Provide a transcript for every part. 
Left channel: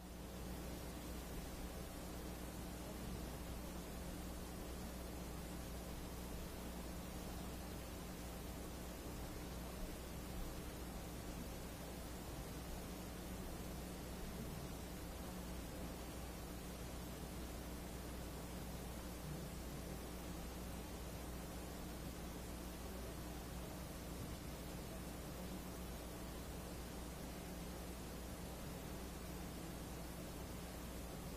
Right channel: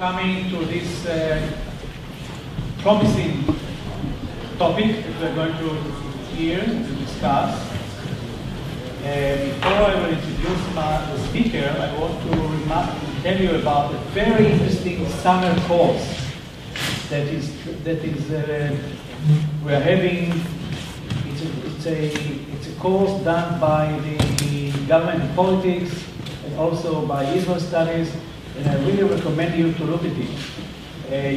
coming to this promising topic that we're going to hear and to discuss. Before I will introduce the speaker, I want to tell you about a very interesting summer course that we are having. It's a course done by the government and politics and also by Israel Studies, and I really recommend you to look at it.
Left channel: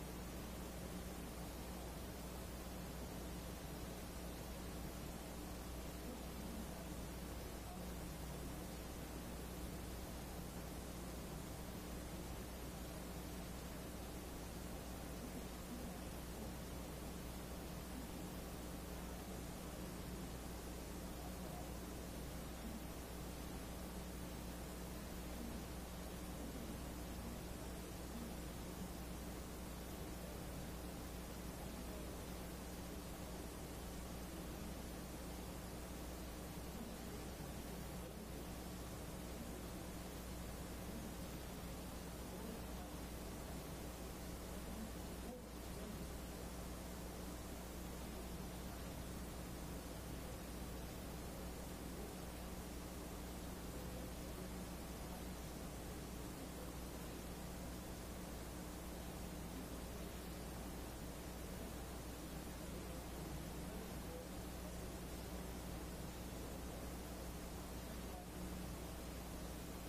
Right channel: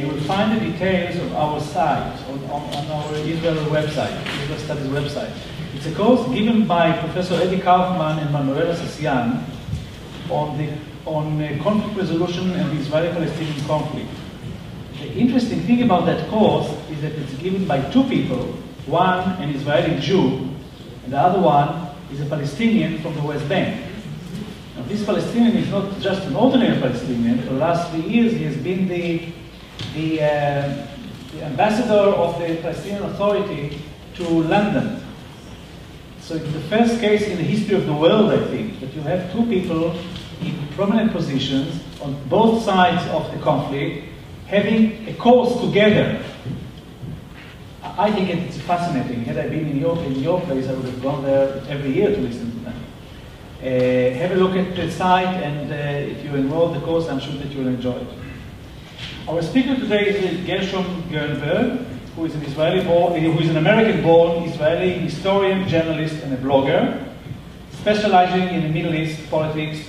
You will find the details on our site, on our Israel website, Israel Studies website. It's a course given by Professor Eddie Kaufman and Manuela Sassian on conflict resolution and the Israeli-Palestinian conflict. The interesting thing about that course is that it's given by two people, one an Israeli Jew, and the other one is a Palestinian from the West Bank. Now, this Palestinian is not just an ordinary Palestinian. For the last 3 years, he has been the ambassador of the Palestinian Authority to London. So it's the first case in the history of the world, I think, that you have two people in prominent positions on both sides of the conflict having a course together. I think it's fascinating. Had I been in your place, I would have gone there every year to listen to them. Have a look at the site, and if you enroll the course, I'm sure that you will enjoy it. Our speaker today is Gershom Gorenberg, who is an American-born Israeli historian, journalist, and a blogger, specializing in the Middle East politics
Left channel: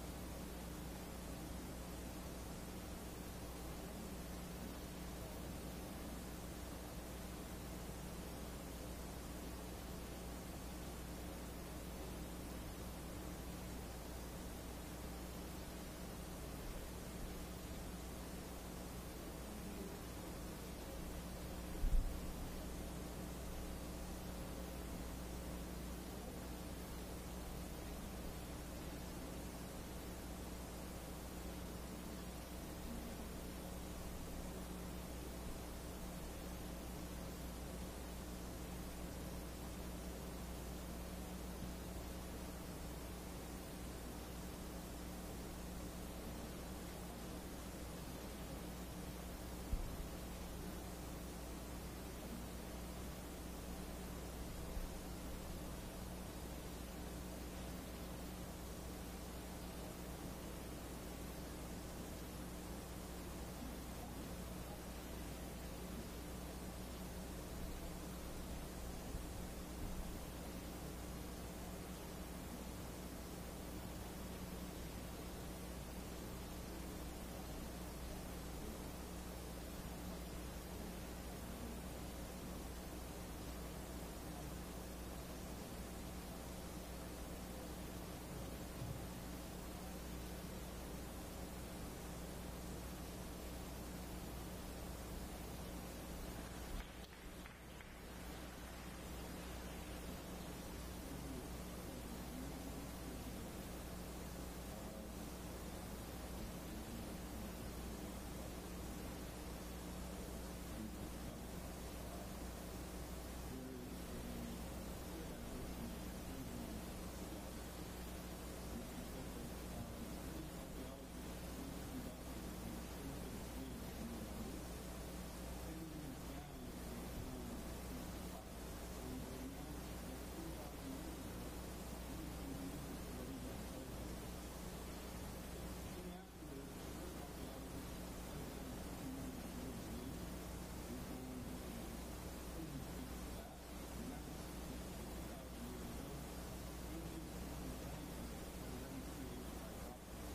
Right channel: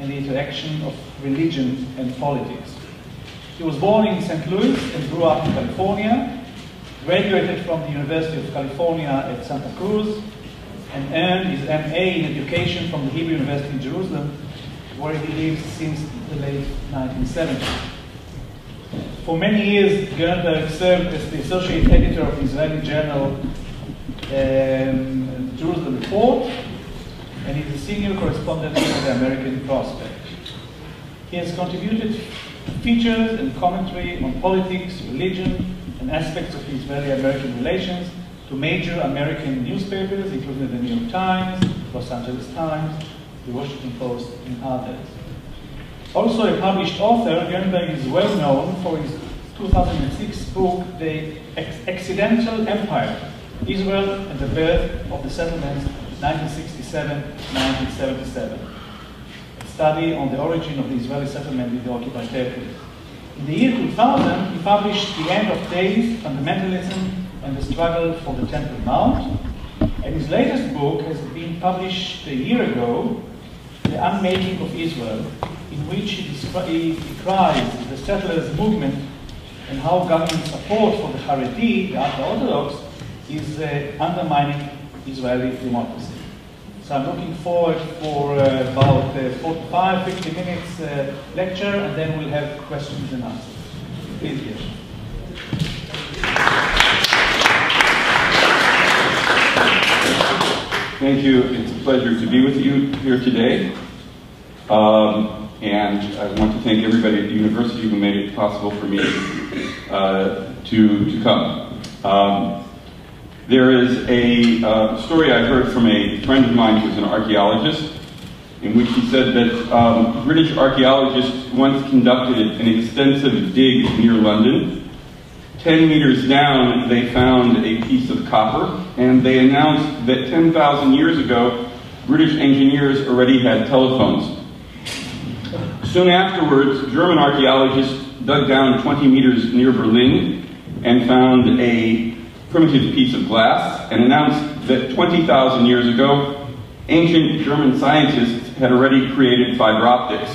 and the interaction of religion and politics. He was born in St. Louis and grew up in California, graduated from the University of California at Santa Cruz, and earned his MA in education from the Hebrew University in Jerusalem, where he lived since the late 1970s. For many years, Gorenberg served as the associate editor of the Israeli journal Jerusalem Report, and he's a senior correspondent for the American Prospect. He has contributed features and commentary on politics, religion, and aspects of Israeli-American relations to major American newspapers, including the New York Times, Los Angeles Times, the Washington Post, and others. Also a published author, Gorenberg is well known for his 2006 book, The Accidental Empire, Israel and the Birth of the Settlements, 1967-1977. A study on the origin of the Israeli settlement in the occupied territories. In the year 2000, he published The End of Days, Fundamentalism and the Struggle for the Temple Mount. And his latest book has been published a year ago, The Unmaking of Israel, in which he decries the settlers' movement and how government support for the Haredi, the ultra-Orthodox, is undermining Israeli democracy. So I'm looking forward for about 45-50 minutes lecture, and then we'll have questions and answers. Please, yes. Thank you. It's a pleasure to be with you here today. And I want to thank everybody at the university who made it possible for me to come. There is a story I heard from a friend of mine who's an archaeologist, in which he said that British archaeologists once conducted an extensive dig near London. 10 meters down, they found a piece of copper, and they announced that 10,000 years ago, British engineers already had telephones. Soon afterwards, German archaeologists dug down 20 meters near Berlin and found a primitive piece of glass and announced that 20,000 years ago, ancient German scientists had already created fiber optics.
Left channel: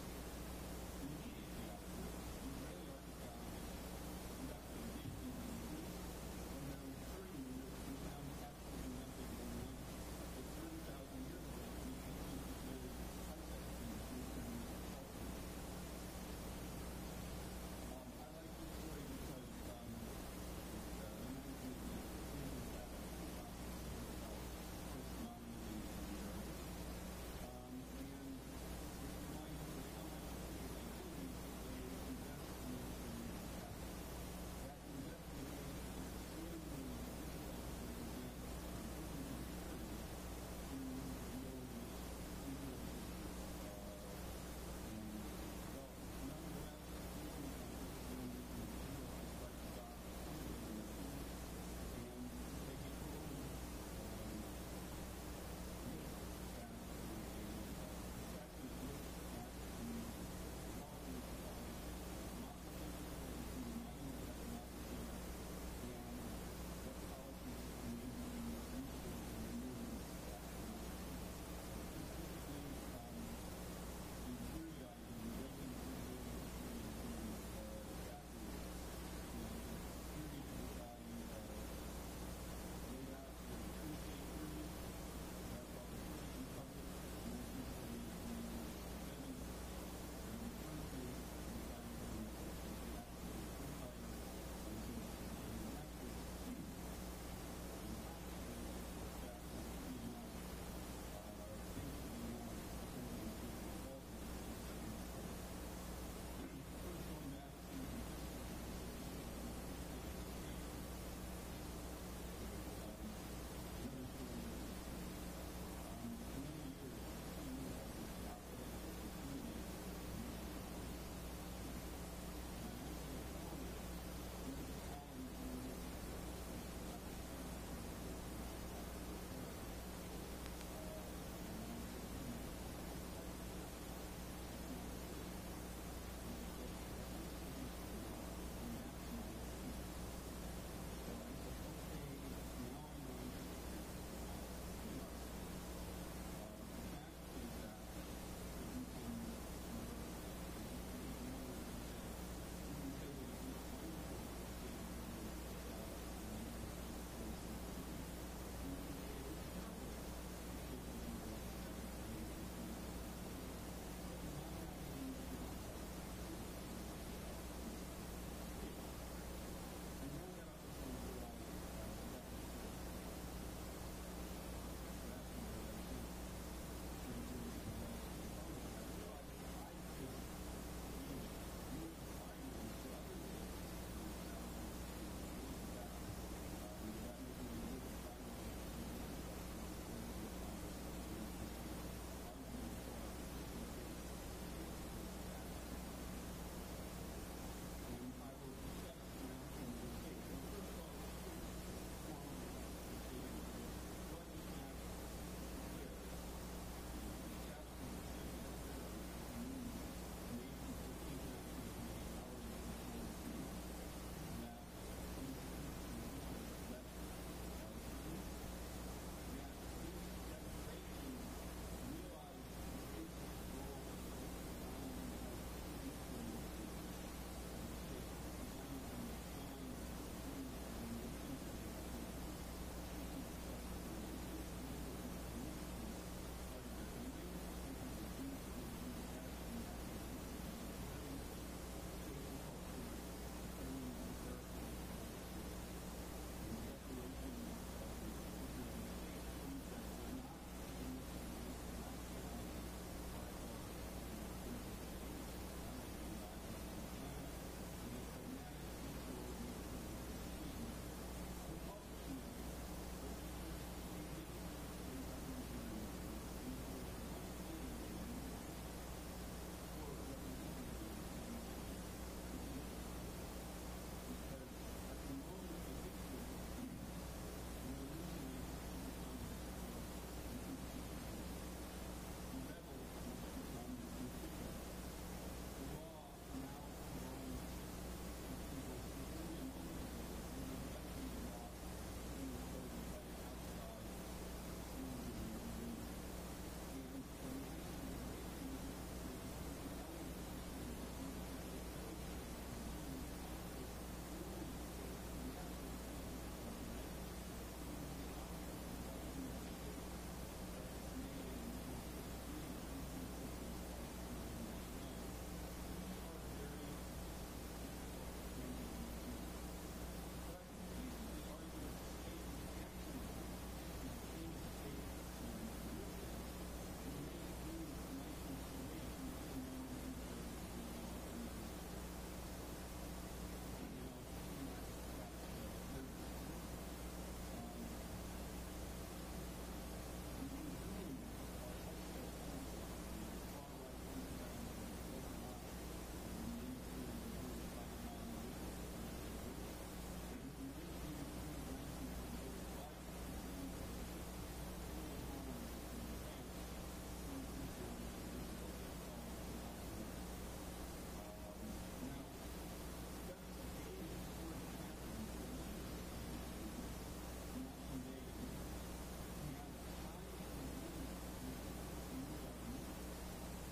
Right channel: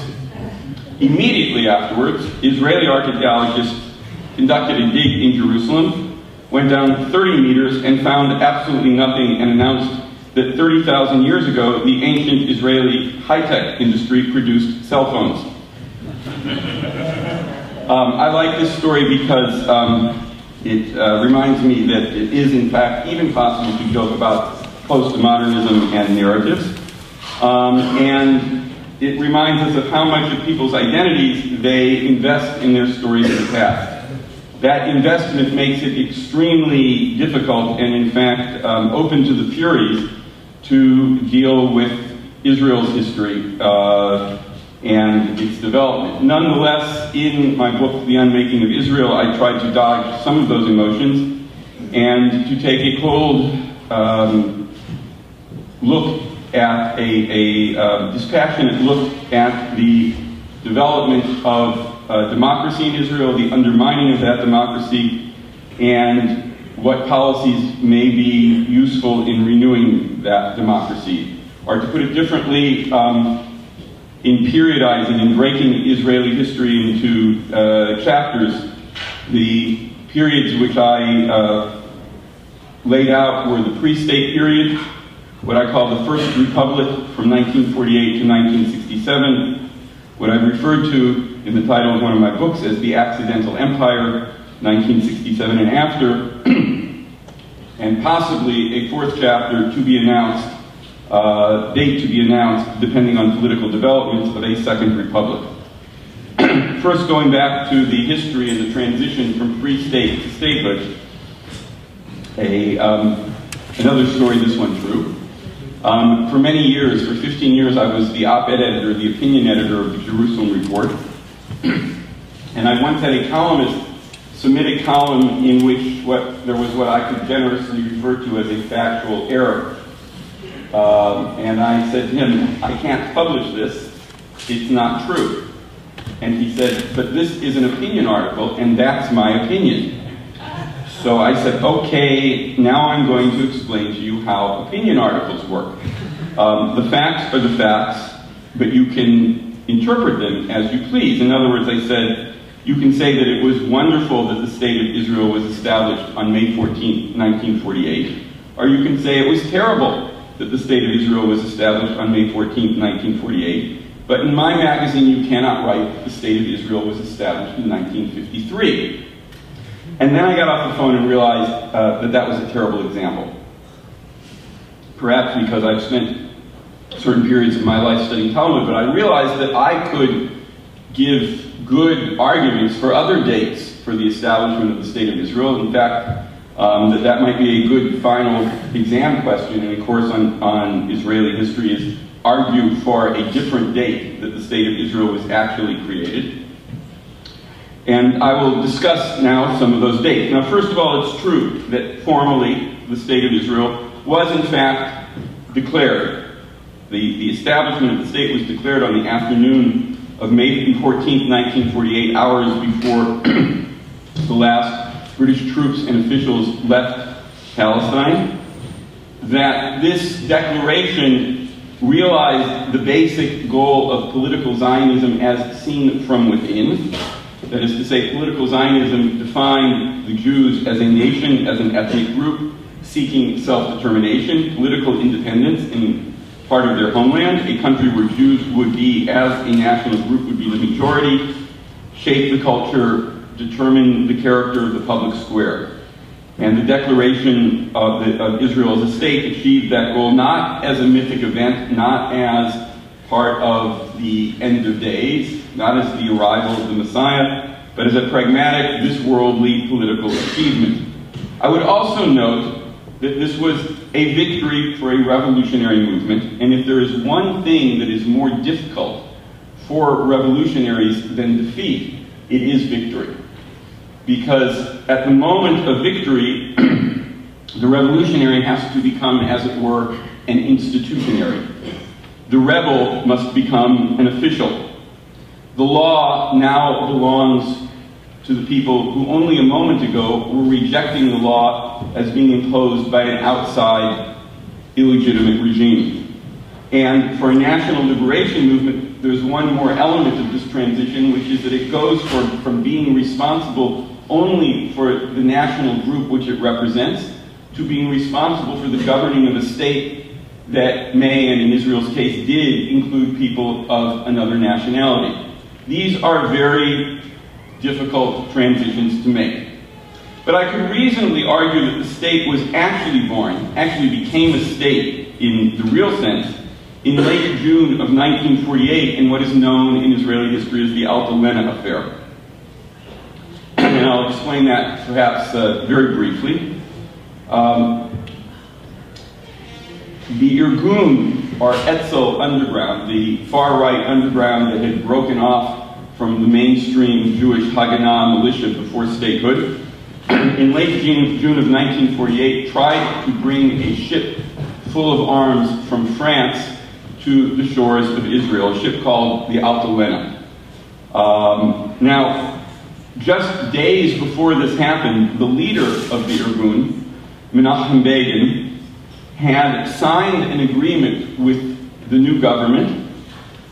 Immediately afterwards, Israeli archaeologists conducted a dig in Jerusalem, went down 30 meters and found absolutely nothing, and announced that 30,000 years ago, the ancient Israeli high-tech industry produced cell phones. I like this story because it reminds me that it is, in fact, even possible to joke about postmodernism and narratives. And it reminds us of how much of people's identities they invest in their stories of the past. That investment makes it extremely difficult and, in fact, open to the Furies to deal with Israel's history and its development. Nonetheless, in my book, The Unmaking of Israel, I tried to dodge some of those emotions and to take a cold look at a dispassionate look at the development of democracy in Israel, the undermining of that democracy, and what policies may be useful in renewing that democracy. Or to put it differently, in periodizing and breaking Israeli history into chapters, the periods which I laid out were the pre-state period, what I call the First Republic from 1948 to 1967, what I've referred to in the title of one of my books as the Accidental Empire, 1967 and after, and possibly a fourth chapter to be announced, date to be announced, depending on political developments, of a Second Republic. First, going back to the history and the transition from free state to statehood, another story, this one true. For many years, for 15 years, I was the op-ed editor, the opinion editor of the Jerusalem Report. And I once had a columnist submit a column in which there was what I could generously refer to as a factual error. And I said to him, I can't publish this, it's not true. And he said, but this is an opinion article, and that's my opinion. So I said, okay, now I'm going to explain to you how opinion articles work. The facts are the facts, but you can interpret them as you please. In other words, I said, you can say that it was wonderful that the state of Israel was established on May 14, 1948, or you can say it was terrible that the state of Israel was established on May 14, 1948, but in my magazine you cannot write the state of Israel was established in 1953. And then I got off the phone and realized that that was a terrible example. Perhaps because I've spent certain periods of my life studying Talmud, but I realized that I could give good arguments for other dates for the establishment of the state of Israel. In fact, that might be a good final exam question in a course on Israeli history is argue for a different date that the state of Israel was actually created. And I will discuss now some of those dates. Now, first of all, it's true that formally the state of Israel was in fact declared. The establishment of the state was declared on the afternoon of May 14, 1948, hours before the last British troops and officials left Palestine. That this declaration realized the basic goal of political Zionism as seen from within. That is to say, political Zionism defined the Jews as a nation, as an ethnic group, seeking self-determination, political independence in part of their homeland, a country where Jews would be, as a national group, would be the majority, shape the culture, determine the character of the public square. And the declaration of Israel as a state achieved that goal not as a mythic event, not as part of the end of days, not as the arrival of the Messiah, but as a pragmatic, this worldly political achievement. I would also note that this was a victory for a revolutionary movement, and if there is one thing that is more difficult for revolutionaries than defeat, it is victory. Because at the moment of victory, the revolutionary has to become, as it were, an institutionary. The rebel must become an official. The law now belongs to the people who only a moment ago were rejecting the law as being imposed by an outside, illegitimate regime. And for a national liberation movement, there's one more element of this transition, which is that it goes from being responsible only for the national group which it represents to being responsible for the governing of a state that may, and in Israel's case did, include people of another nationality. These are very difficult transitions to make. But I could reasonably argue that the state was actually born, actually became a state in the real sense, in late June of 1948 in what is known in Israeli history as the Alta Lena affair. And I'll explain that perhaps very briefly. The Irgun or Etzel underground, the far-right underground that had broken off from the mainstream Jewish Haganah militia before statehood, in late June of 1948, tried to bring a ship full of arms from France to the shores of Israel, a ship called the Altalena. Now, just days before this happened, the leader of the Irgun, Menachem Begin, had signed an agreement with the new government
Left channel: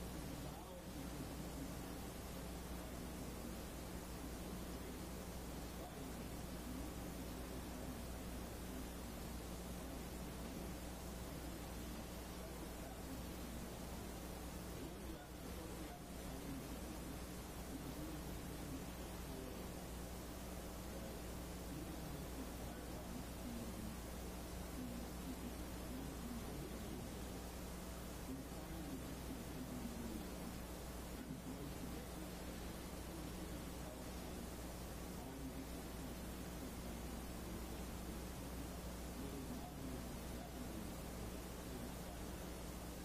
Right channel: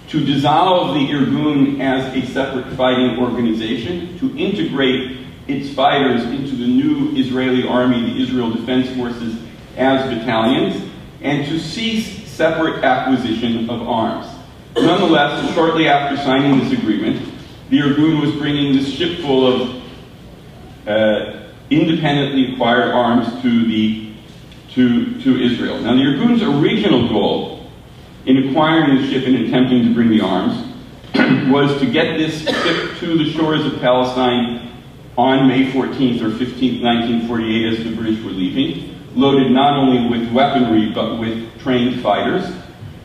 to dissolve the Irgun as a separate fighting organization, to integrate its fighters into the new Israeli army, the Israel Defense Forces, as battalions, and to cease separate acquisition of arms. Nonetheless, shortly after signing this agreement, the Irgun was bringing this ship full of independently acquired arms to Israel. Now, the Irgun's original goal in acquiring the ship and attempting to bring the arms was to get this ship to the shores of Palestine on May 14th or 15th, 1948, as the British were leaving, loaded not only with weaponry but with trained fighters,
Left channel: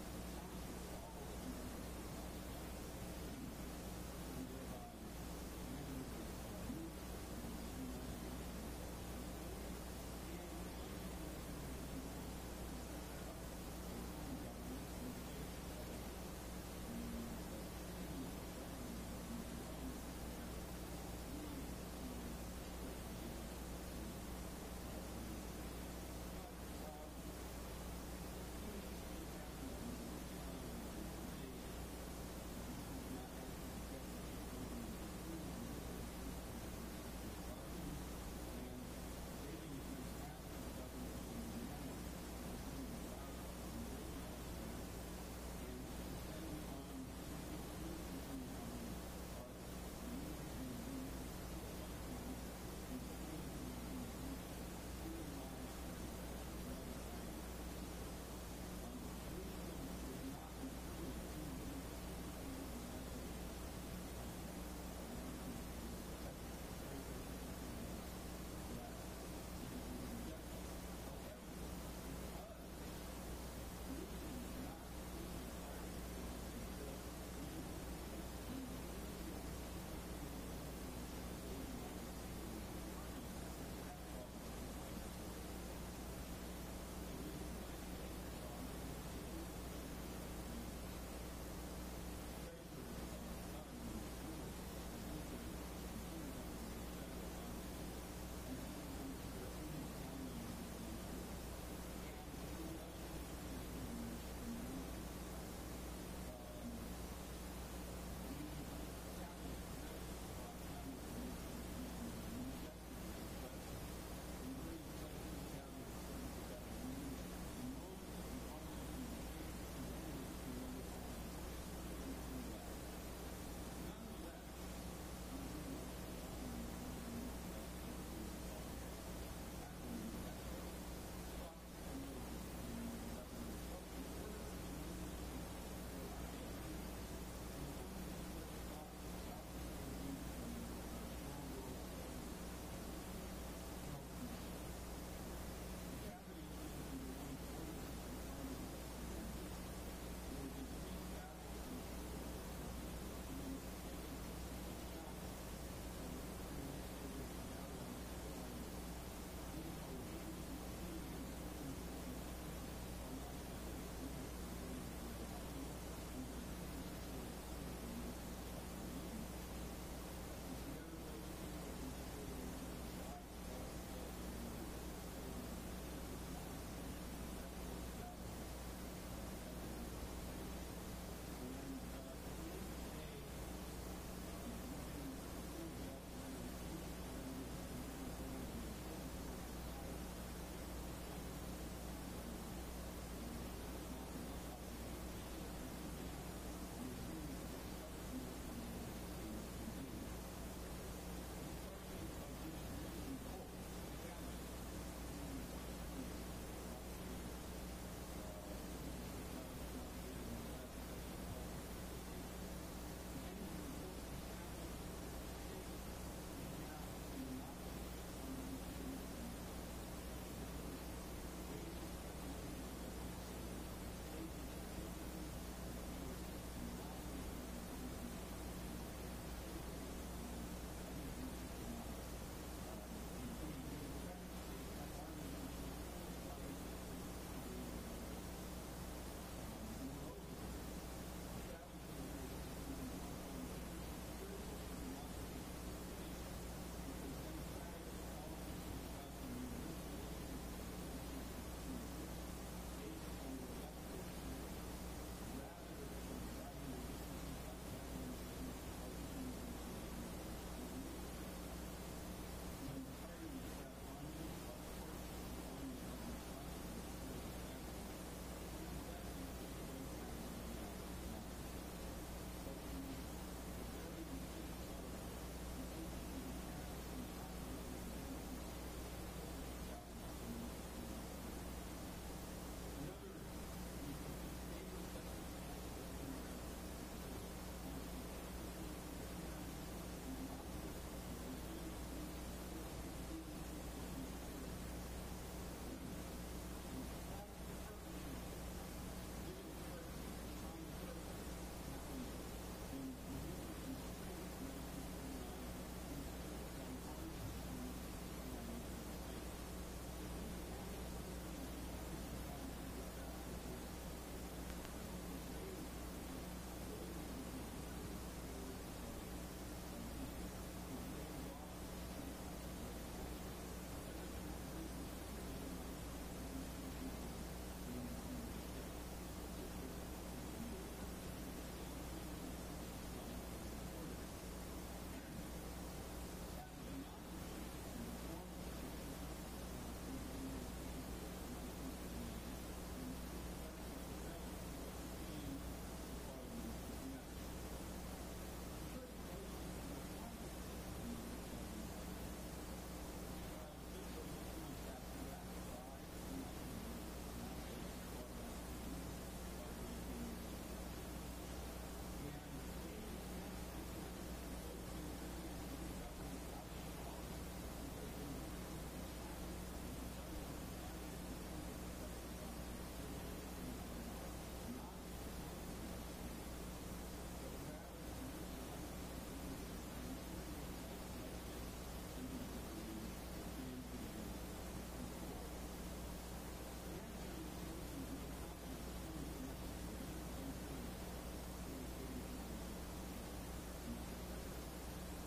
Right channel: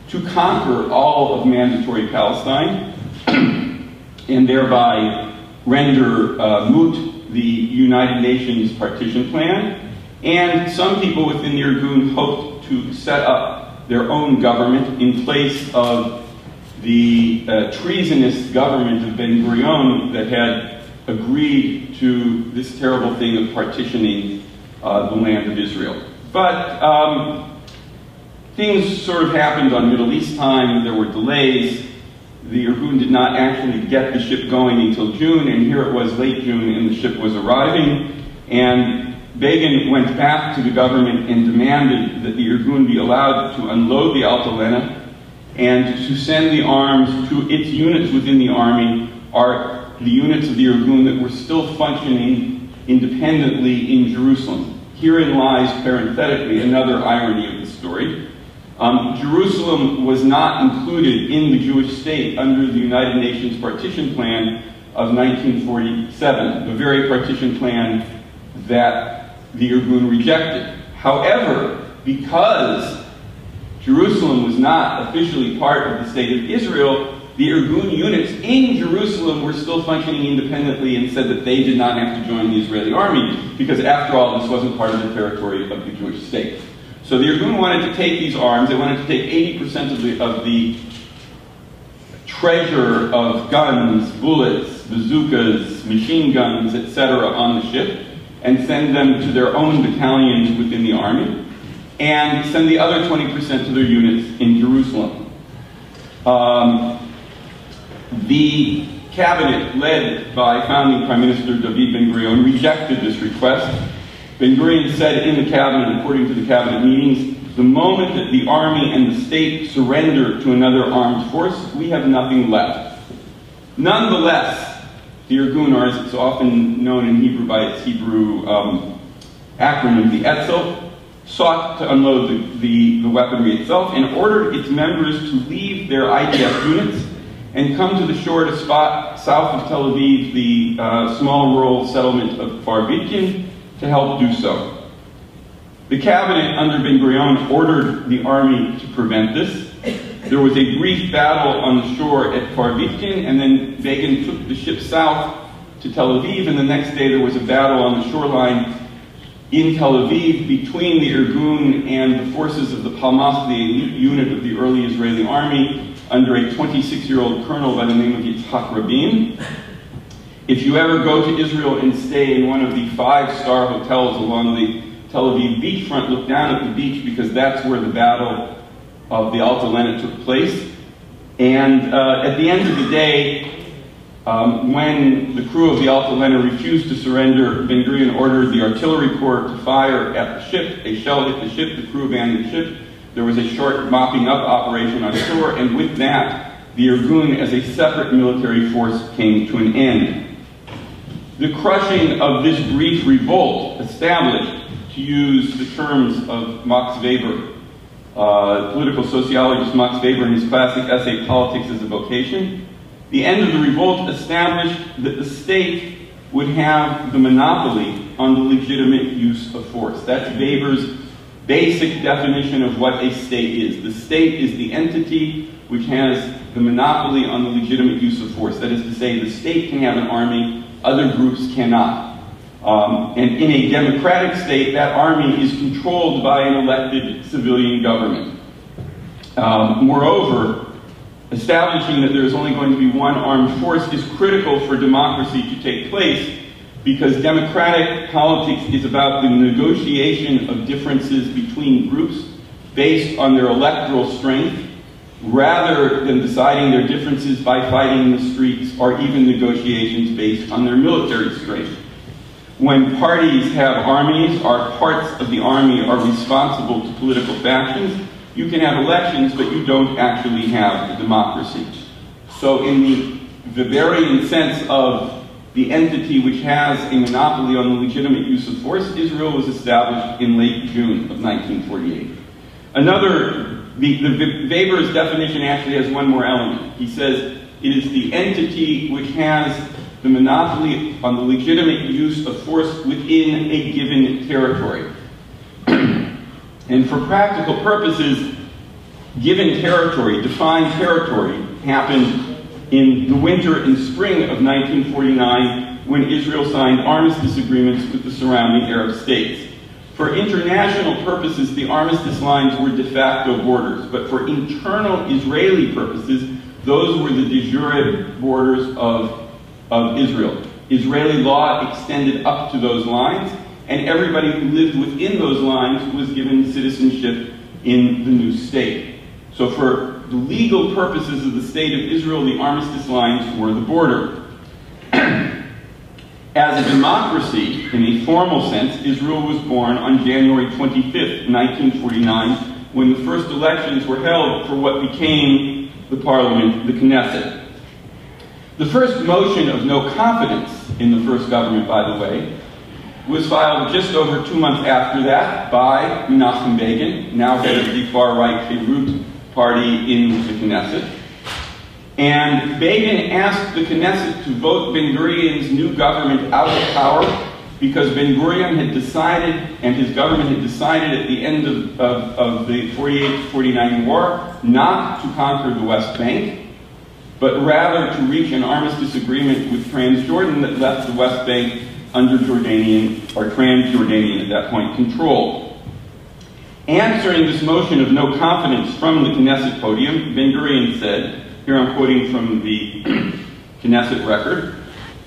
to conquer all of mandatory Palestine and thereby render moot the United Nations partition plan. And some people within the Irgun hoped to set up their own government in place of the treasonous government of Ben Gurion that had agreed to this terrible thing of partitioning the land of Israel. But things sort of happened on Middle East time. There were delays. The Irgun did not actually get the ship going until June, and here it was late June, and the ship was arriving. And Begin went back to the government and demanded that the Irgun be allowed to unload the Altalena and to send the arms to its units within the army, are the units of the Irgun that were still functioning independently in Jerusalem. Herein lies, parenthetically, another irony of the story. Jerusalem was not included in the Jewish state under the United Nations partition plan of 1947, the very partition plan that the Irgun rejected. However, because Jerusalem was not officially part of the state of Israel, the Irgun units in Jerusalem were still functioning independently and said that they did not have to join the Israeli army because, after all, this wasn't part of the territory of the Jewish state. So the Irgun wanted to take these arms. They wanted to take 80% of the treasure of guns, bullets, bazookas, machine guns, etc. on the ship and send them to their own battalions within the army and send the other 20% to their units in Jerusalem. The cabinet, led by founding Prime Minister David Ben-Gurion, rejected this request. Ben-Gurion said in the cabinet, according to the cabinet meetings, the moment that the army and the state surrender to another armed force, we have nothing left. Nonetheless, the Irgun, or as it's often known in Hebrew by its Hebrew acronym, the Etzel, sought to unload the weaponry itself and ordered its members to leave their IDF units and come to the shore at a spot south of Tel Aviv, the small rural settlement of Kfar to help do so. The cabinet under Ben-Gurion ordered the army to prevent this. There was a brief battle on the shore at Kfar and then Begin took the ship south to Tel Aviv, and the next day there was a battle on the shoreline in Tel Aviv between the Irgun and the forces of the Palmach, the unit of the early Israeli army, under a 26-year-old colonel by the name of Yitzhak Rabin. If you ever go to Israel and stay in one of the 5-star hotels along the Tel Aviv beachfront, look down at the beach because that's where the battle of the Altalena took place. And at the end of the day, when the crew of the Altalena refused to surrender, Ben-Gurion ordered the artillery corps to fire at the ship. A shell hit the ship, the crew abandoned the ship. There was a short mopping up operation on shore, and with that, the Irgun as a separate military force came to an end. The crushing of this brief revolt established, to use the terms of Max Weber, political sociologist Max Weber in his classic essay, Politics as a Vocation, the end of the revolt established that the state would have the monopoly on the legitimate use of force. That's Weber's basic definition of what a state is. The state is the entity which has the monopoly on the legitimate use of force. That is to say, the state can have an army, other groups cannot. And in a democratic state, that army is controlled by an elected civilian government. Moreover, establishing that there is only going to be one armed force is critical for democracy to take place, because democratic politics is about the negotiation of differences between groups based on their electoral strength, rather than deciding their differences by fighting in the streets or even negotiations based on their military strength. When parties have armies or parts of the army are responsible to political factions, you can have elections, but you don't actually have a democracy. So in the Weberian sense of the entity which has a monopoly on the legitimate use of force, Israel was established in late June of 1948. Weber's definition actually has one more element. He says it is the entity which has the monopoly on the legitimate use of force within a given territory. And for practical purposes, given territory, defined territory, happened in the winter and spring of 1949 when Israel signed armistice agreements with the surrounding Arab states. For international purposes, the armistice lines were de facto borders, but for internal Israeli purposes, those were the de jure borders of Israel. Israeli law extended up to those lines, and everybody who lived within those lines was given citizenship in the new state. So for the legal purposes of the state of Israel, the armistice lines were the border. As a democracy, in a formal sense, Israel was born on January 25th, 1949, when the first elections were held for what became the parliament, the Knesset. The first motion of no confidence in the first government, by the way, was filed just over 2 months after that by Menachem Begin, now head of the far-right Beirut party in the Knesset. And Begin asked the Knesset to vote Ben-Gurion's new government out of power because Ben-Gurion had decided, and his government had decided at the end of the 48-49 war, not to conquer the West Bank, but rather to reach an armistice agreement with Transjordan that left the West Bank under Jordanian, or Transjordanian at that point, control. Answering this motion of no confidence from the Knesset podium, Ben-Gurion said, here I'm quoting from the Knesset record,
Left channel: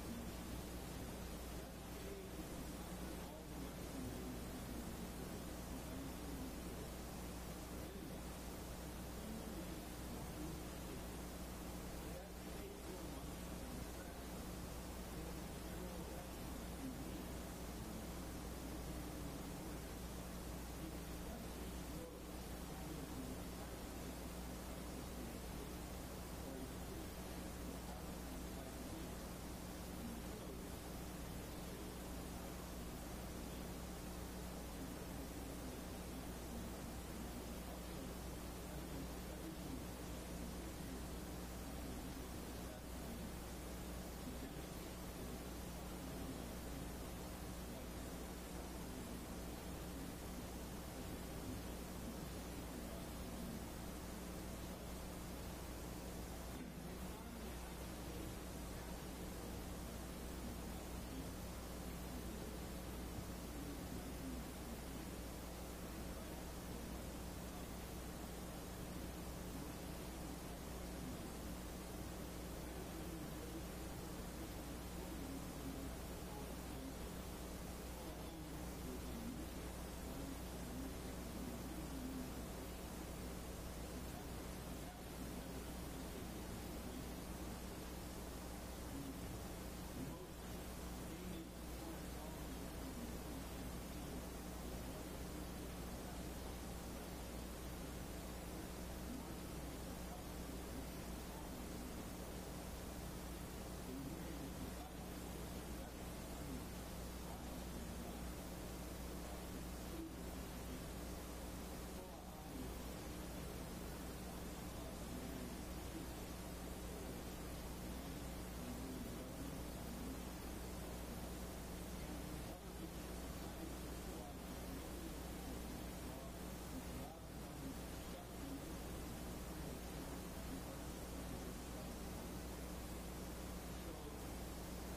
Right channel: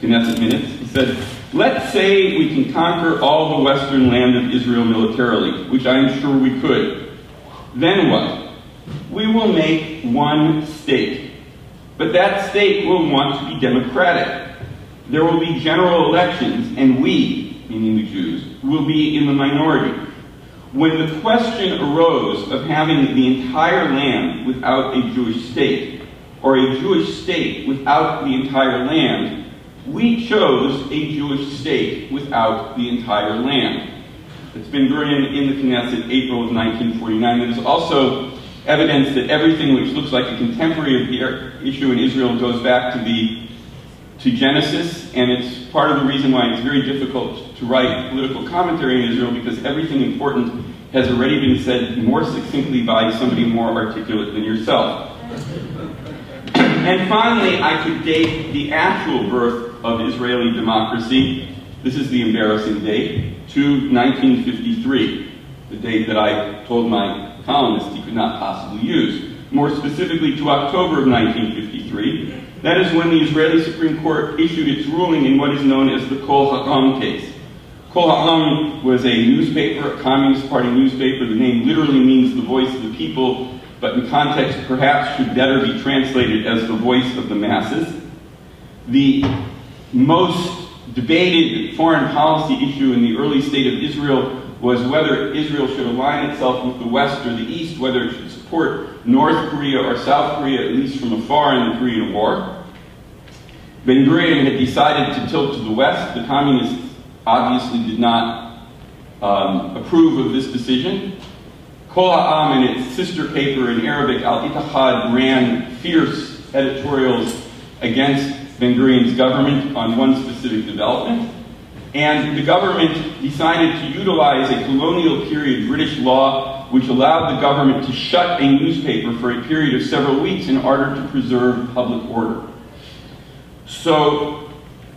Knesset minutes, he said, "Let's say we can conquer all the western land of Israel militarily, which I am sure we could. Then what? We will make one state. But that state will want to be democratic. There will be general elections, and we, meaning the Jews, will be in the minority. When the question arose of having the entire land without a Jewish state, or a Jewish state without the entire land, we chose a Jewish state without the entire land." It's Ben-Gurion in the Knesset, April of 1949. It is also evidence that everything which looks like a contemporary issue in Israel goes back to Genesis, and it's part of the reason why it's very difficult to write political commentary in Israel, because everything important has already been said more succinctly by somebody more articulate than yourself. And finally, I could date the actual birth of Israeli democracy, this is the embarrassing date, to 1953, the date that I told my columnist he could not possibly use. More specifically, to October of 1953. That is when the Israeli Supreme Court issued its ruling in what is known as the Kol Ha'am case. Kol Ha'am was a newspaper, a Communist Party newspaper. The name literally means the voice of the people, but in context perhaps should better be translated as the voice of the masses. The most debated foreign policy issue in the early state of Israel was whether Israel should align itself with the West or the East, whether it should support North Korea or South Korea, at least from afar in the Korean War. Ben-Gurion had decided to tilt to the West. The communists obviously did not approve of this decision. Kol Ha'am and its sister paper in Arabic, Al-Ittihad, ran fierce editorials against Ben-Gurion's government on one specific development. And the government decided to utilize a colonial period British law which allowed the government to shut a newspaper for a period of several weeks in order to preserve public order. So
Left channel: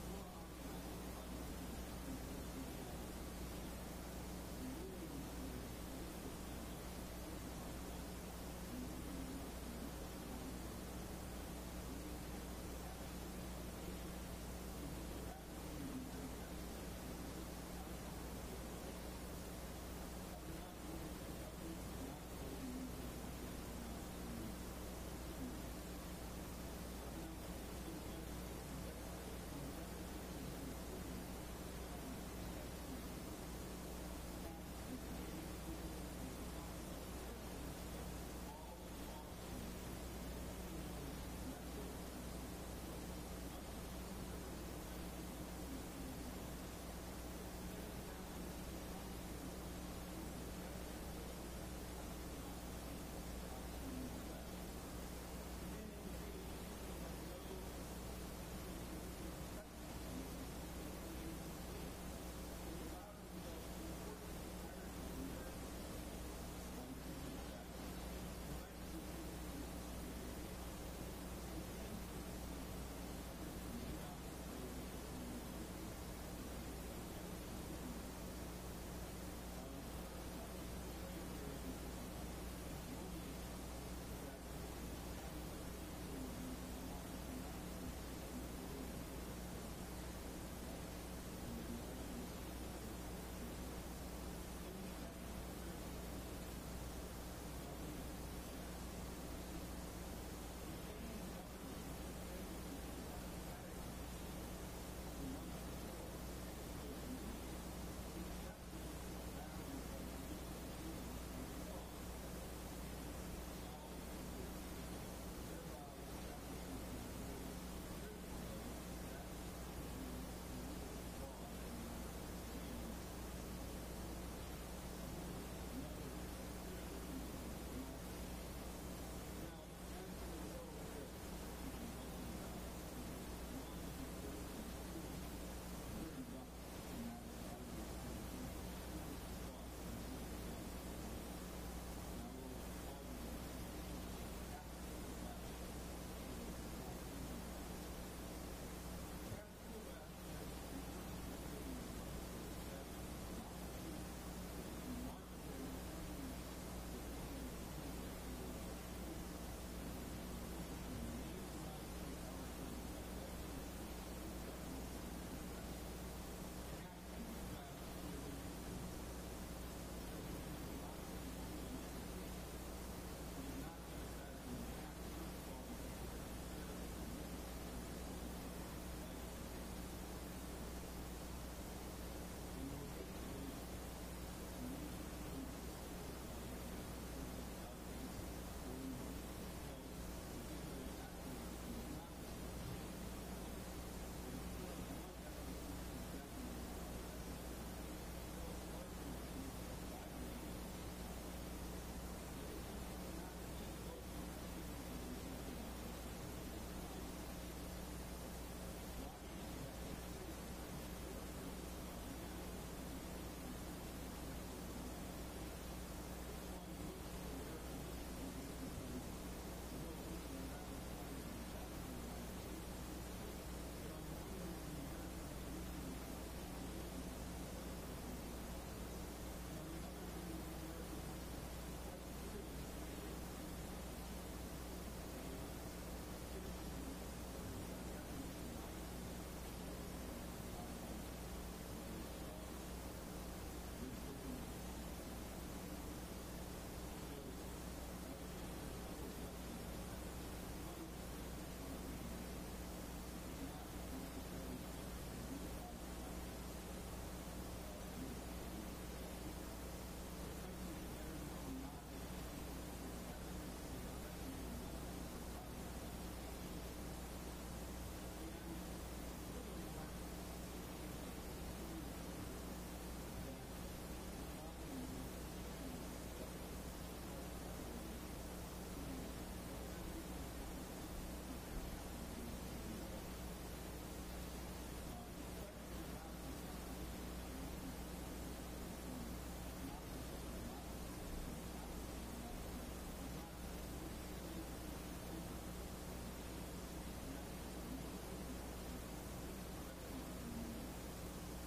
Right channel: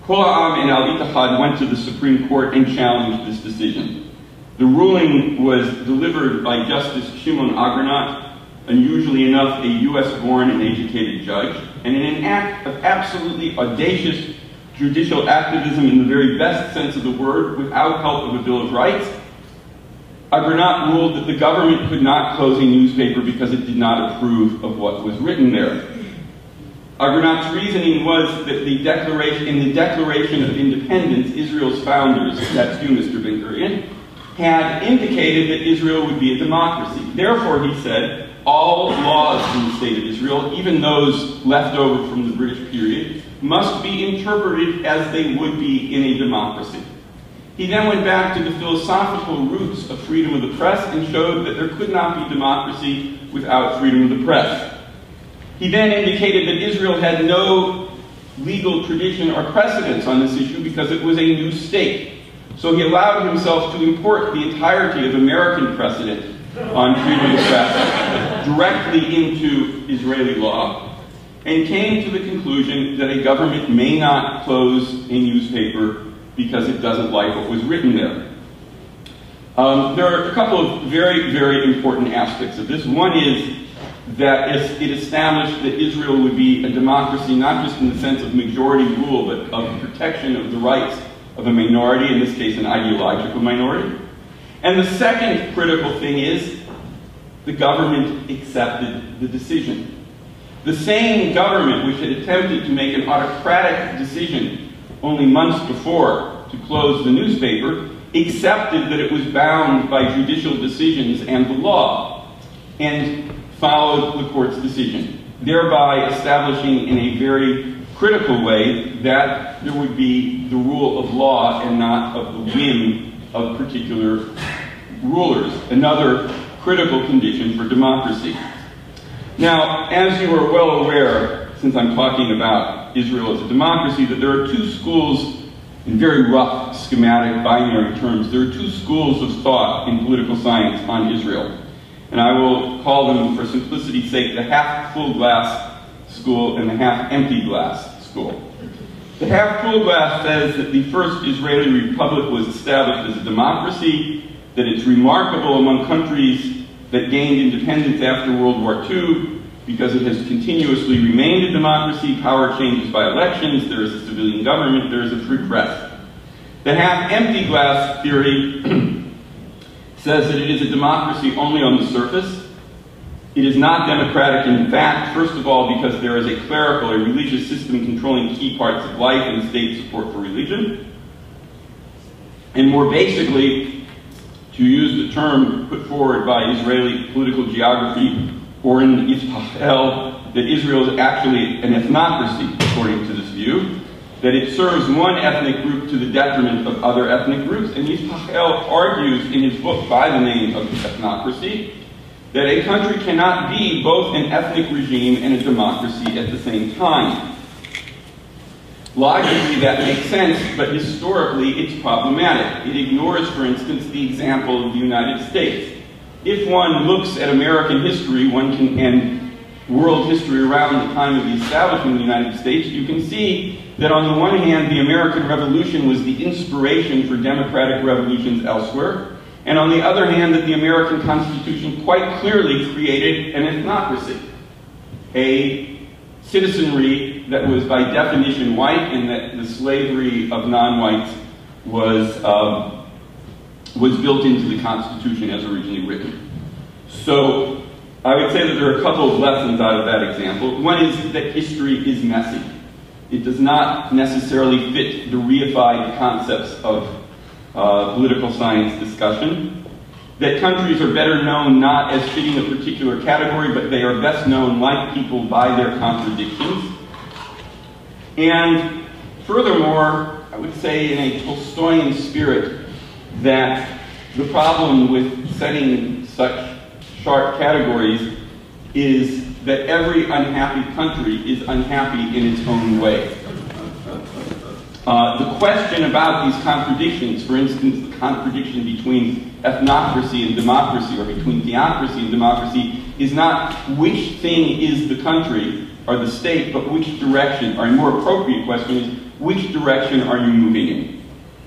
Kol Ha'am and Al-Ittihad went to the Supreme Court and challenged this decision. The ruling was delivered by Justice Shimon Agranat, unusually enough a US-born and educated judge, and in an act of absolutely audacious judicial activism in the very best sense of the word, without help of a Bill of Rights, Agranat ruled that the government could not close a newspaper because it did not approve of what was written there. Agranat's reasoning was that in the Declaration of Independence, Israel's founders, that's you, Mr. Ben-Gurion, had indicated that Israel would be a democracy. Therefore, he said, all laws in the state of Israel, even those left over from the British period, must be interpreted as they would be in a democracy. He then went back to the philosophical roots of freedom of the press and showed that there could not be democracy without freedom of the press. He then indicated that Israel had no legal tradition or precedence on this issue because it was a new state. So he allowed himself to import the entirety of American precedent on freedom of the press directly into Israeli law, and came to the conclusion that a government may not close a newspaper because it doesn't like what was written there. There are a couple of very, very important aspects of this. One is that it established that Israel would be a democracy, not just in the sense of majority rule, but of protection of the rights of a minority, in this case an ideological minority. And the second critical thing is the government accepted the decision. The same government which had attempted to make an autocratic decision only months before to close the newspaper accepted that it was bound by judicial decisions and the law, and followed the court's decision, thereby establishing in a very critical way that there would be the rule of law and not of the whim of particular rulers, another critical condition for democracy. Now, as you are well aware, since I'm talking about Israel as a democracy, that there are two schools, in very rough, schematic, binary terms, there are two schools of thought in political science on Israel. And I will call them, for simplicity's sake, the half-full glass school and the half-empty glass school. The half-full glass says that the first Israeli republic was established as a democracy, that it's remarkable among countries that gained independence after World War II because it has continuously remained a democracy, power changes by elections, there is a civilian government, there is a free press. The half-empty glass theory says that it is a democracy only on the surface. It is not democratic in fact, first of all, because there is a clerical or religious system controlling key parts of life and state support for religion. And more basically, to use the term put forward by Israeli political geography, or in Israel, that Israel is actually an ethnocracy, according to this view, that it serves one ethnic group to the detriment of other ethnic groups. And Israel argues in his book by the name of ethnocracy that a country cannot be both an ethnic regime and a democracy at the same time. Logically, that makes sense, but historically, it's problematic. It ignores, for instance, the example of the United States. If one looks at American history, and world history around the time of the establishment of the United States, you can see that on the one hand, the American Revolution was the inspiration for democratic revolutions elsewhere, and on the other hand, that the American Constitution quite clearly created an ethnocracy, a citizenry that was by definition white, and that the slavery of non-whites was built into the Constitution as originally written. So I would say that there are a couple of lessons out of that example. One is that history is messy. It does not necessarily fit the reified concepts of political science discussion. That countries are better known not as fitting a particular category, but they are best known, like people, by their contradictions. And furthermore, I would say in a Tolstoyan spirit, that the problem with setting such sharp categories is that every unhappy country is unhappy in its own way. The question about these contradictions, for instance, the contradiction between ethnocracy and democracy, or between theocracy and democracy, is not which thing is the country or the state, but which direction, or a more appropriate question is, which direction are you moving in?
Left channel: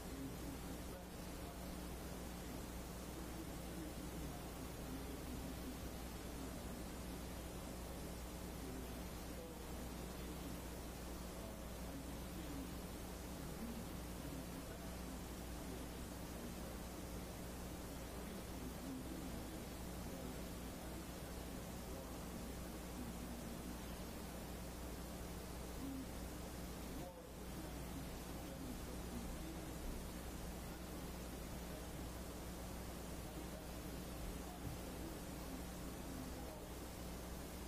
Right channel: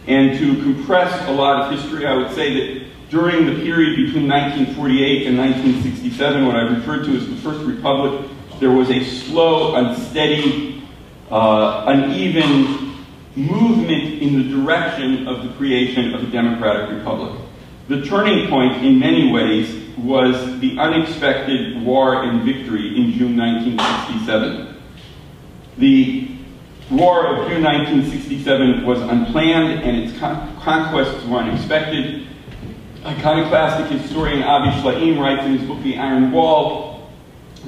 And to compress a lot of history, I would say that during the period between 1948 and 1967, what I referred to as the First Republic, there was a slow, unsteady, uneven movement in the direction of the creation of a democratic republic. The turning point, in many ways, was the unexpected war and victory in June 1967. The war of June 1967 was unplanned, and its conquests were unexpected. Iconoclastic historian Avi Shlaim writes in his book, The Iron Wall,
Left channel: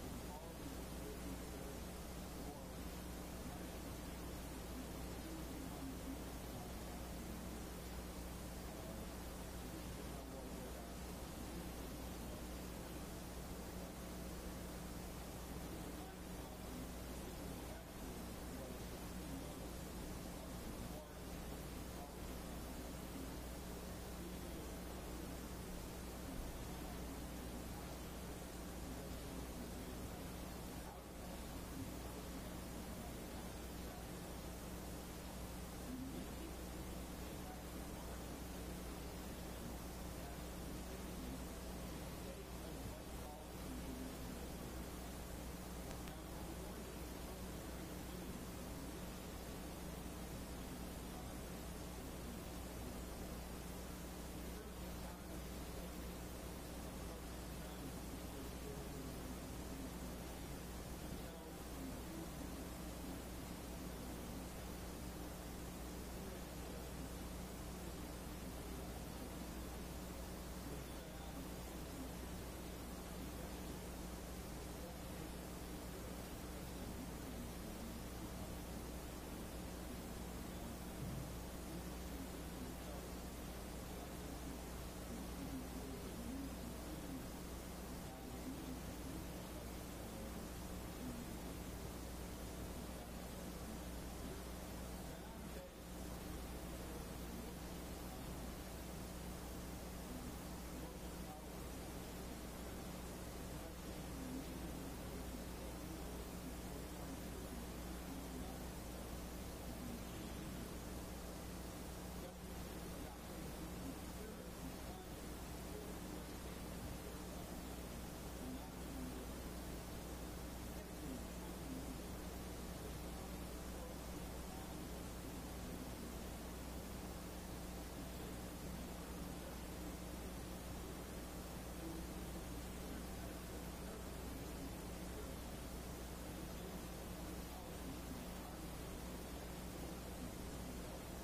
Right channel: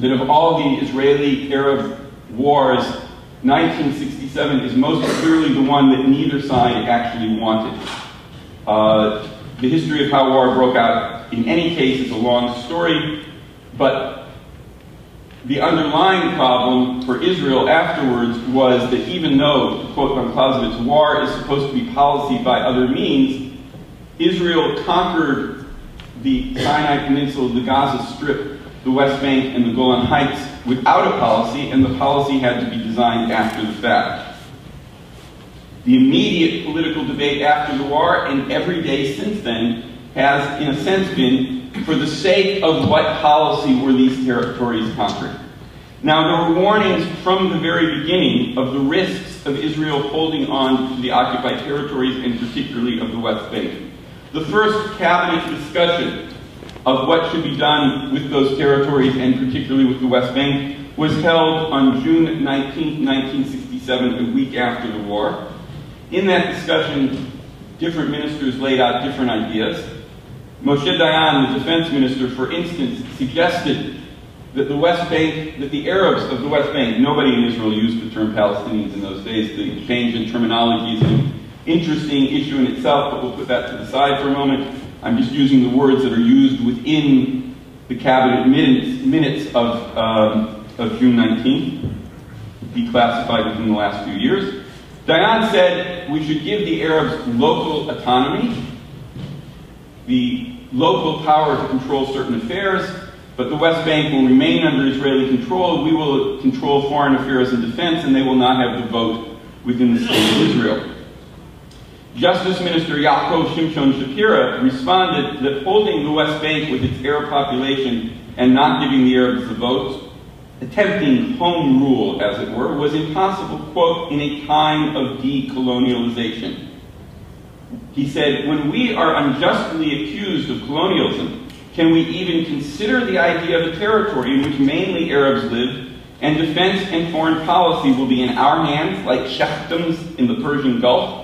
that of all the Israeli-Arab wars, 1967 is most clearly the one that neither side actually wanted. The history of how war broke out, in any case, is a long story, but the underlying problem for Israel afterwards was that even though, to quote von Clausewitz, war is supposed to be policy by other means, Israel conquered the Sinai Peninsula, the Gaza Strip, the West Bank, and the Golan Heights without a policy, and the policy had to be designed after the fact. The immediate political debate after the war, and every day since then, has, in a sense, been for the sake of what policy were these territories conquered. Now, there were warnings from the very beginning of the risks of Israel holding on to the occupied territories, and particularly of the West Bank. The first cabinet discussion of what should be done with those territories, and particularly with the West Bank, was held on June 19, 1967, a week after the war. In that discussion, different ministers laid out different ideas. Moshe Dayan, the defense minister, for instance, suggested that the West Bank, that the Arabs of the West Bank, nobody in Israel used the term Palestinians in those days. The change in terminology is an interesting issue in itself, but we'll put that to the side for a moment. I'm just using the words that are used within the cabinet minutes of June 19th, declassified within the last few years. Dayan said we should give the Arabs local autonomy, the local power to control certain affairs, but the West Bank will remain under Israeli control. We will control foreign affairs and defense, and they will not have the vote within the state of Israel. Justice Minister Yaakov Shimshon Shapira responded that holding the West Bank with its Arab population and not giving the Arabs the vote, attempting home rule, as it were, was impossible, quote, in a time of decolonialization. He said, when we are unjustly accused of colonialism, can we even consider the idea of a territory in which mainly Arabs live, and defense and foreign policy will be in our hands like sheikdoms in the Persian Gulf?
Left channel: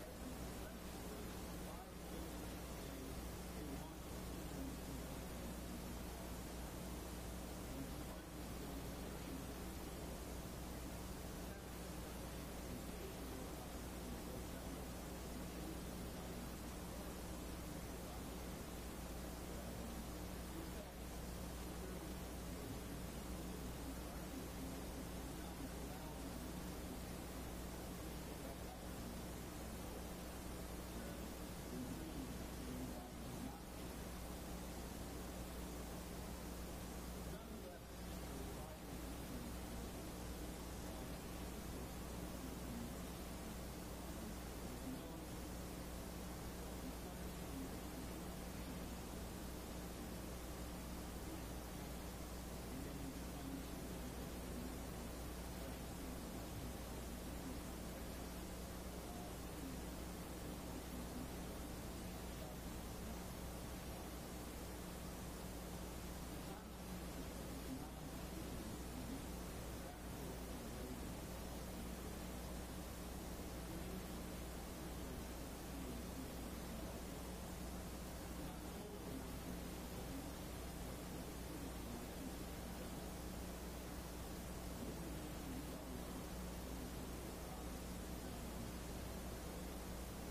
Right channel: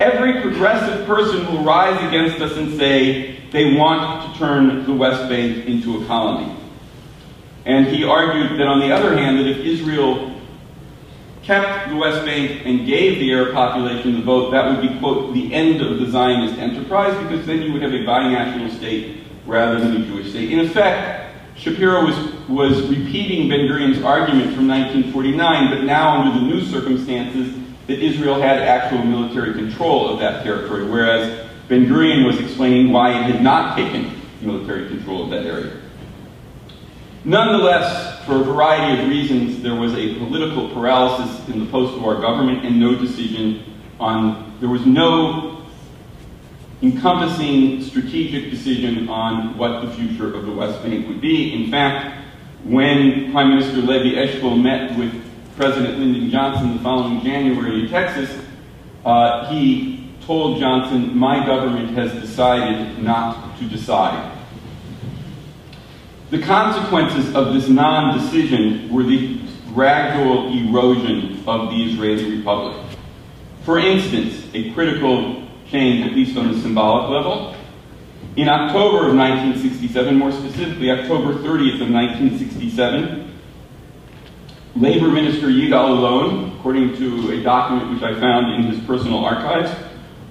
Every progressive person will rise against us and say they want to turn the West Bank into a colony. And he argued that, on the other hand, that if Israel kept the West Bank and gave the Arab population the vote, that would be, quote, the end of the Zionist enterprise, because then you would have a binational state rather than a Jewish state. In effect, Shapiro was repeating Ben-Gurion's argument from 1949, but now under the new circumstances that Israel had actual military control of that territory, whereas Ben-Gurion was explaining why it had not taken military control of that area. Nonetheless, for a variety of reasons, there was a political paralysis in the post-war government and there was no encompassing strategic decision on what the future of the West Bank would be. In fact, when Prime Minister Levi Eshkol met with President Lyndon Johnson the following January in Texas, he told Johnson, my government has decided not to decide. The consequences of this non-decision were the gradual erosion of the Israeli Republic. For instance, a critical change, at least on the symbolic level, in October of 1967, more specifically October 30th of 1967, Labor Minister Yigal Allon, according to a document which I found in his personal archives,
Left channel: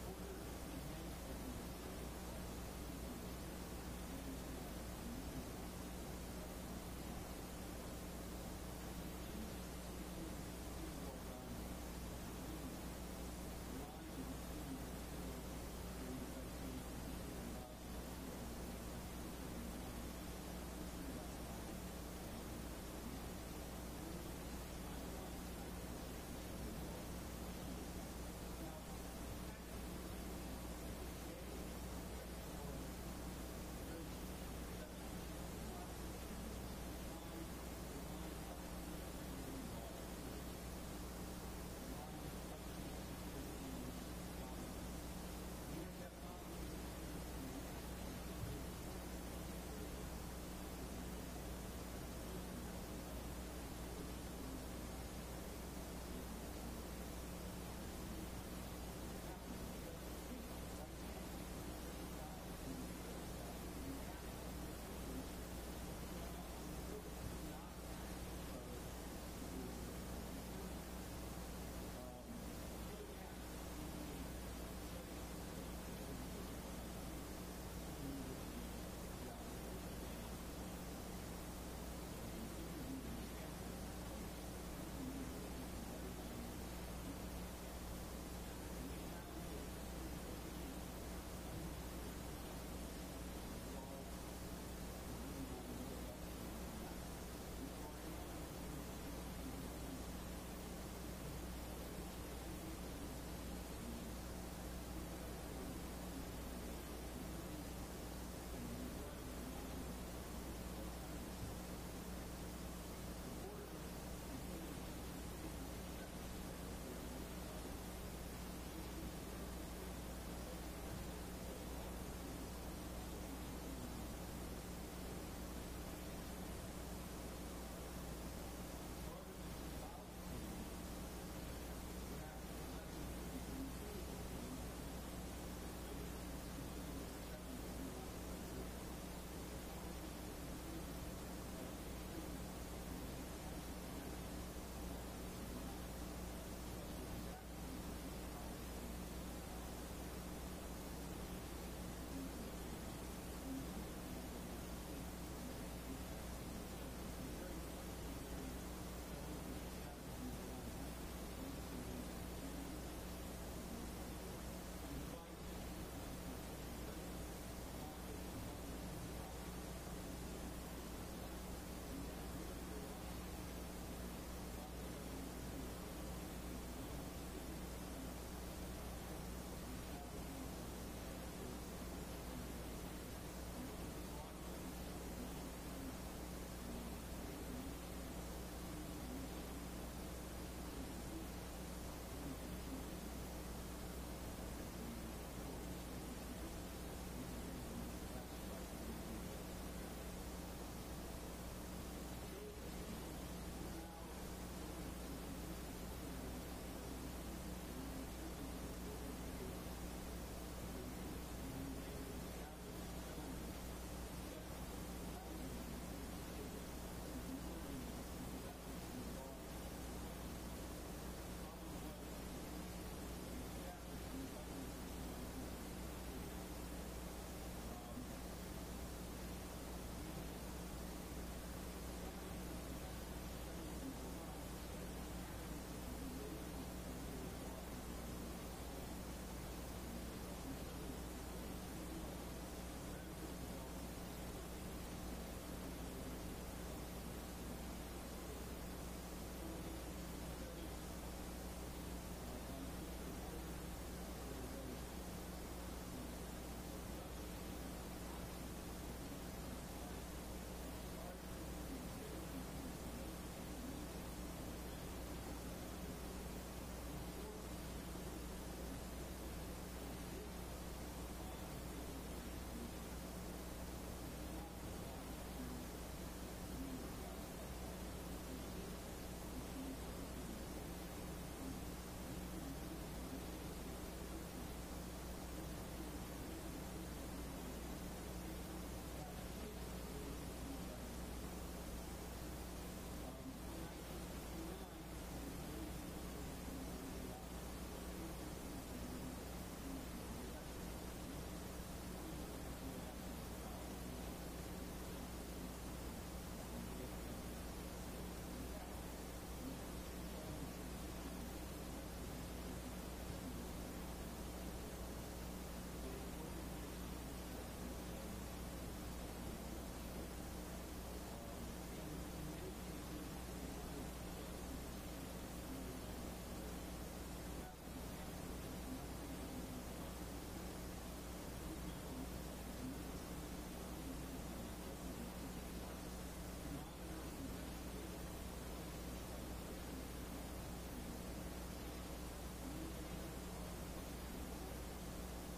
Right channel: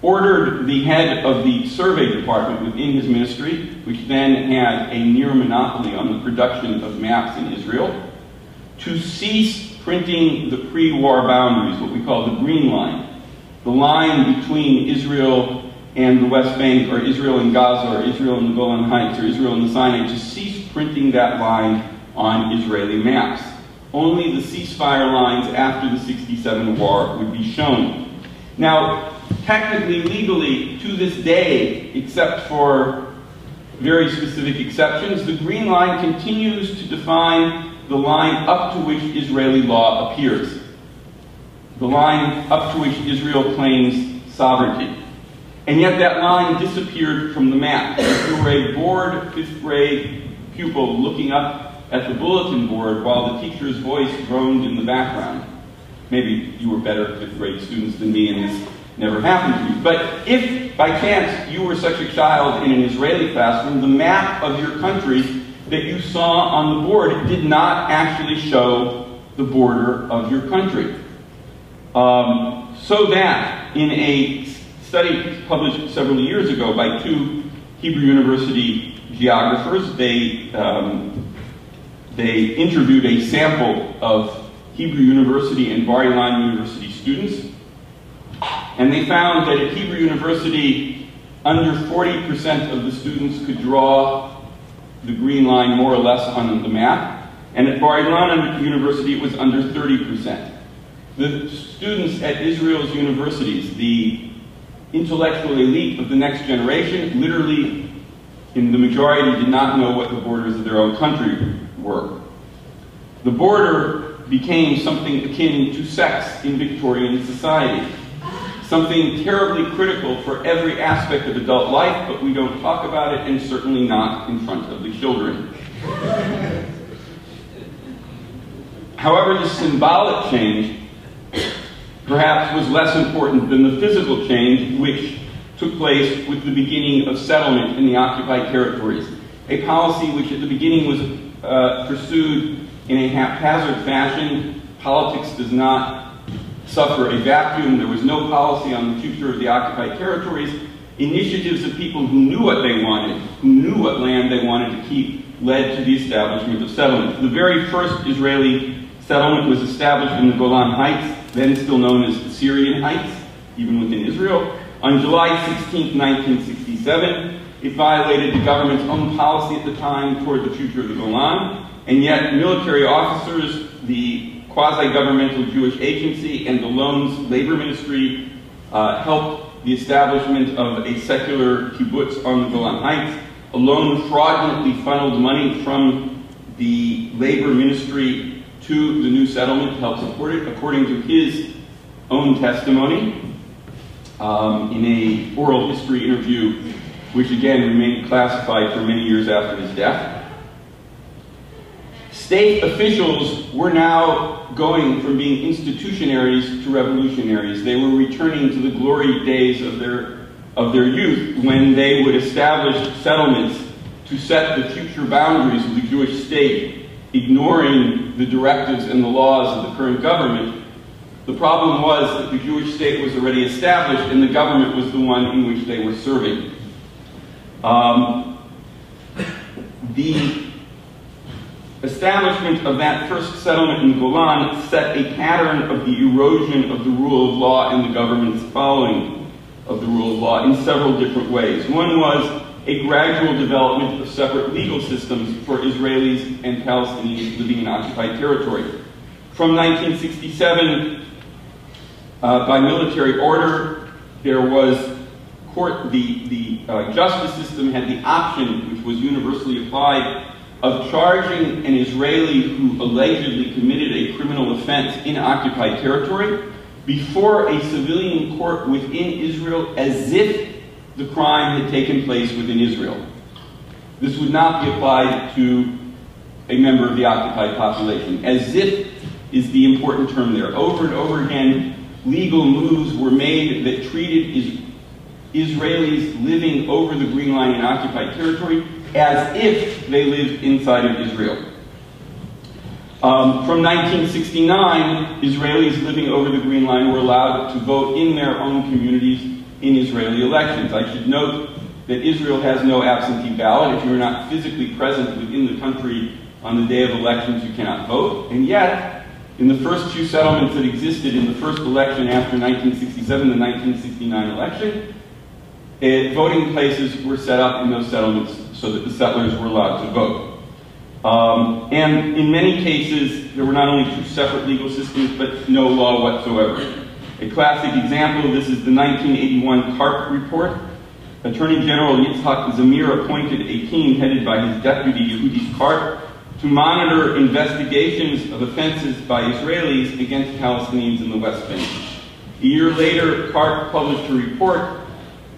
ordered the head of the survey department within his ministry, which then had a near monopoly on the production of maps in Israel, to cease printing the pre-war boundaries, what we call the Green Line, the line between Israel and the West Bank, or Israel and Gaza, or Israel and the Golan Heights, or Israel and the Sinai, to cease printing that line on Israeli maps. Only the ceasefire lines after the '67 war would be shown. Now, technically, legally, to this day, except for very specific exceptions, the green line continues to define the line up to which Israeli law appears, the line up to which Israel claims sovereignty. And yet that line disappeared from the map. If you were a bored fifth grade pupil looking up at the bulletin board while the teacher's voice droned in the background, maybe you were better fifth grade students than me and this never happened to you. But if by chance you were such a child in an Israeli classroom, the map of your country that you saw on the board did not actually show the border of your country. So that in a study published several years ago by two Hebrew University geographers, they interviewed a sample of Hebrew University and Bar Ilan University students, and they found that at Hebrew University, under 40% of the students could draw the green line more or less on the map, and at Bar Ilan University it was under 30%. The students at Israel's universities, the intellectual elite of the next generation, literally in the majority did not know what the borders of their own country were. The border became something akin to sex in Victorian society, something terribly critical for every aspect of adult life, but we don't talk about it, and certainly not in front of the children. However, the symbolic change perhaps was less important than the physical change which took place with the beginning of settlement in the occupied territories, a policy which at the beginning was pursued in a haphazard fashion. Politics does not suffer a vacuum. There was no policy on the future of the occupied territories. Initiatives of people who knew what they wanted, who knew what land they wanted to keep, led to the establishment of settlement. The very first Israeli settlement was established in the Golan Heights, then still known as the Syrian Heights, even within Israel, on July 16, 1967. It violated the government's own policy at the time toward the future of the Golan, and yet military officers, the quasi-governmental Jewish agency, and the Loan's labor ministry helped the establishment of a secular kibbutz on the Golan Heights. A loan fraudulently funneled money from the labor ministry to the new settlement to help support it, according to his own testimony in a oral history interview, which again remained classified for many years after his death. State officials were now going from being institutionaries to revolutionaries. They were returning to the glory days of their youth, when they would establish settlements to set the future boundaries of the Jewish state, ignoring the directives and the laws of the current government. The problem was that the Jewish state was already established and the government was the one in which they were serving. The establishment of that first settlement in the Golan set a pattern of the erosion of the rule of law and the government's following of the rule of law in several different ways. One was a gradual development of separate legal systems for Israelis and Palestinians living in occupied territory. From 1967, by military order, there was the justice system had the option, which was universally applied, of charging an Israeli who allegedly committed a criminal offense in occupied territory before a civilian court within Israel as if the crime had taken place within Israel. This would not be applied to a member of the occupied population. As if is the important term there. Over and over again, legal moves were made that treated Israelis living over the Green Line in occupied territory as if they lived inside of Israel. From 1969, Israelis living over the Green Line were allowed to vote in their own communities in Israeli elections. I should note that Israel has no absentee ballot. If you are not physically present within the country on the day of elections, you cannot vote. And yet, In the first two settlements that existed in the first election after 1967, the 1969 election, voting places were set up in those settlements so that the settlers were allowed to vote. And in many cases, there were not only two separate legal systems, but no law whatsoever. A classic example of this is the 1981 CARP report. Attorney General Yitzhak Zamir appointed a team headed by his deputy, Yehudi Karp, to monitor investigations of offenses by Israelis against Palestinians in the West Bank. A year later, Karp published a report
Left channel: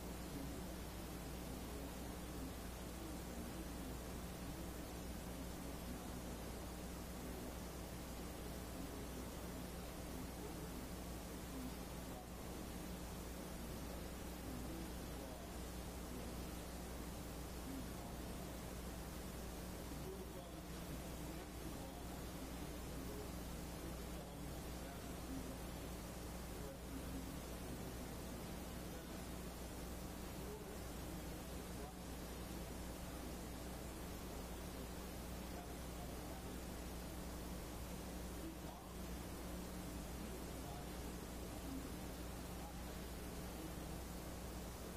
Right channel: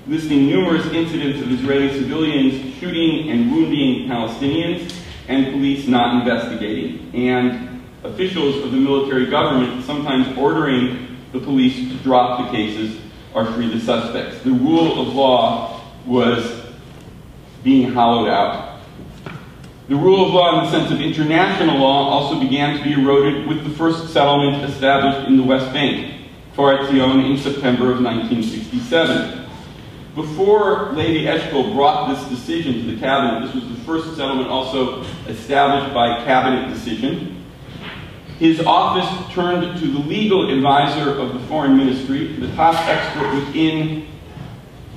listing numerous incidents of Israeli civilians shooting and wounding Palestinians and police not investigating, and officials of the military government sometimes ordering the police to drop the cases or free the suspects. The rule of law was being hollowed out. The rule of law in the sense of international law also began to be eroded with the first settlement established in the West Bank, Kfar Etzion, in September of 1967. Before Levi Eshkol brought this decision to the cabinet, this was the first settlement also established by cabinet decision. His office turned to the legal advisor of the foreign ministry, the top expert within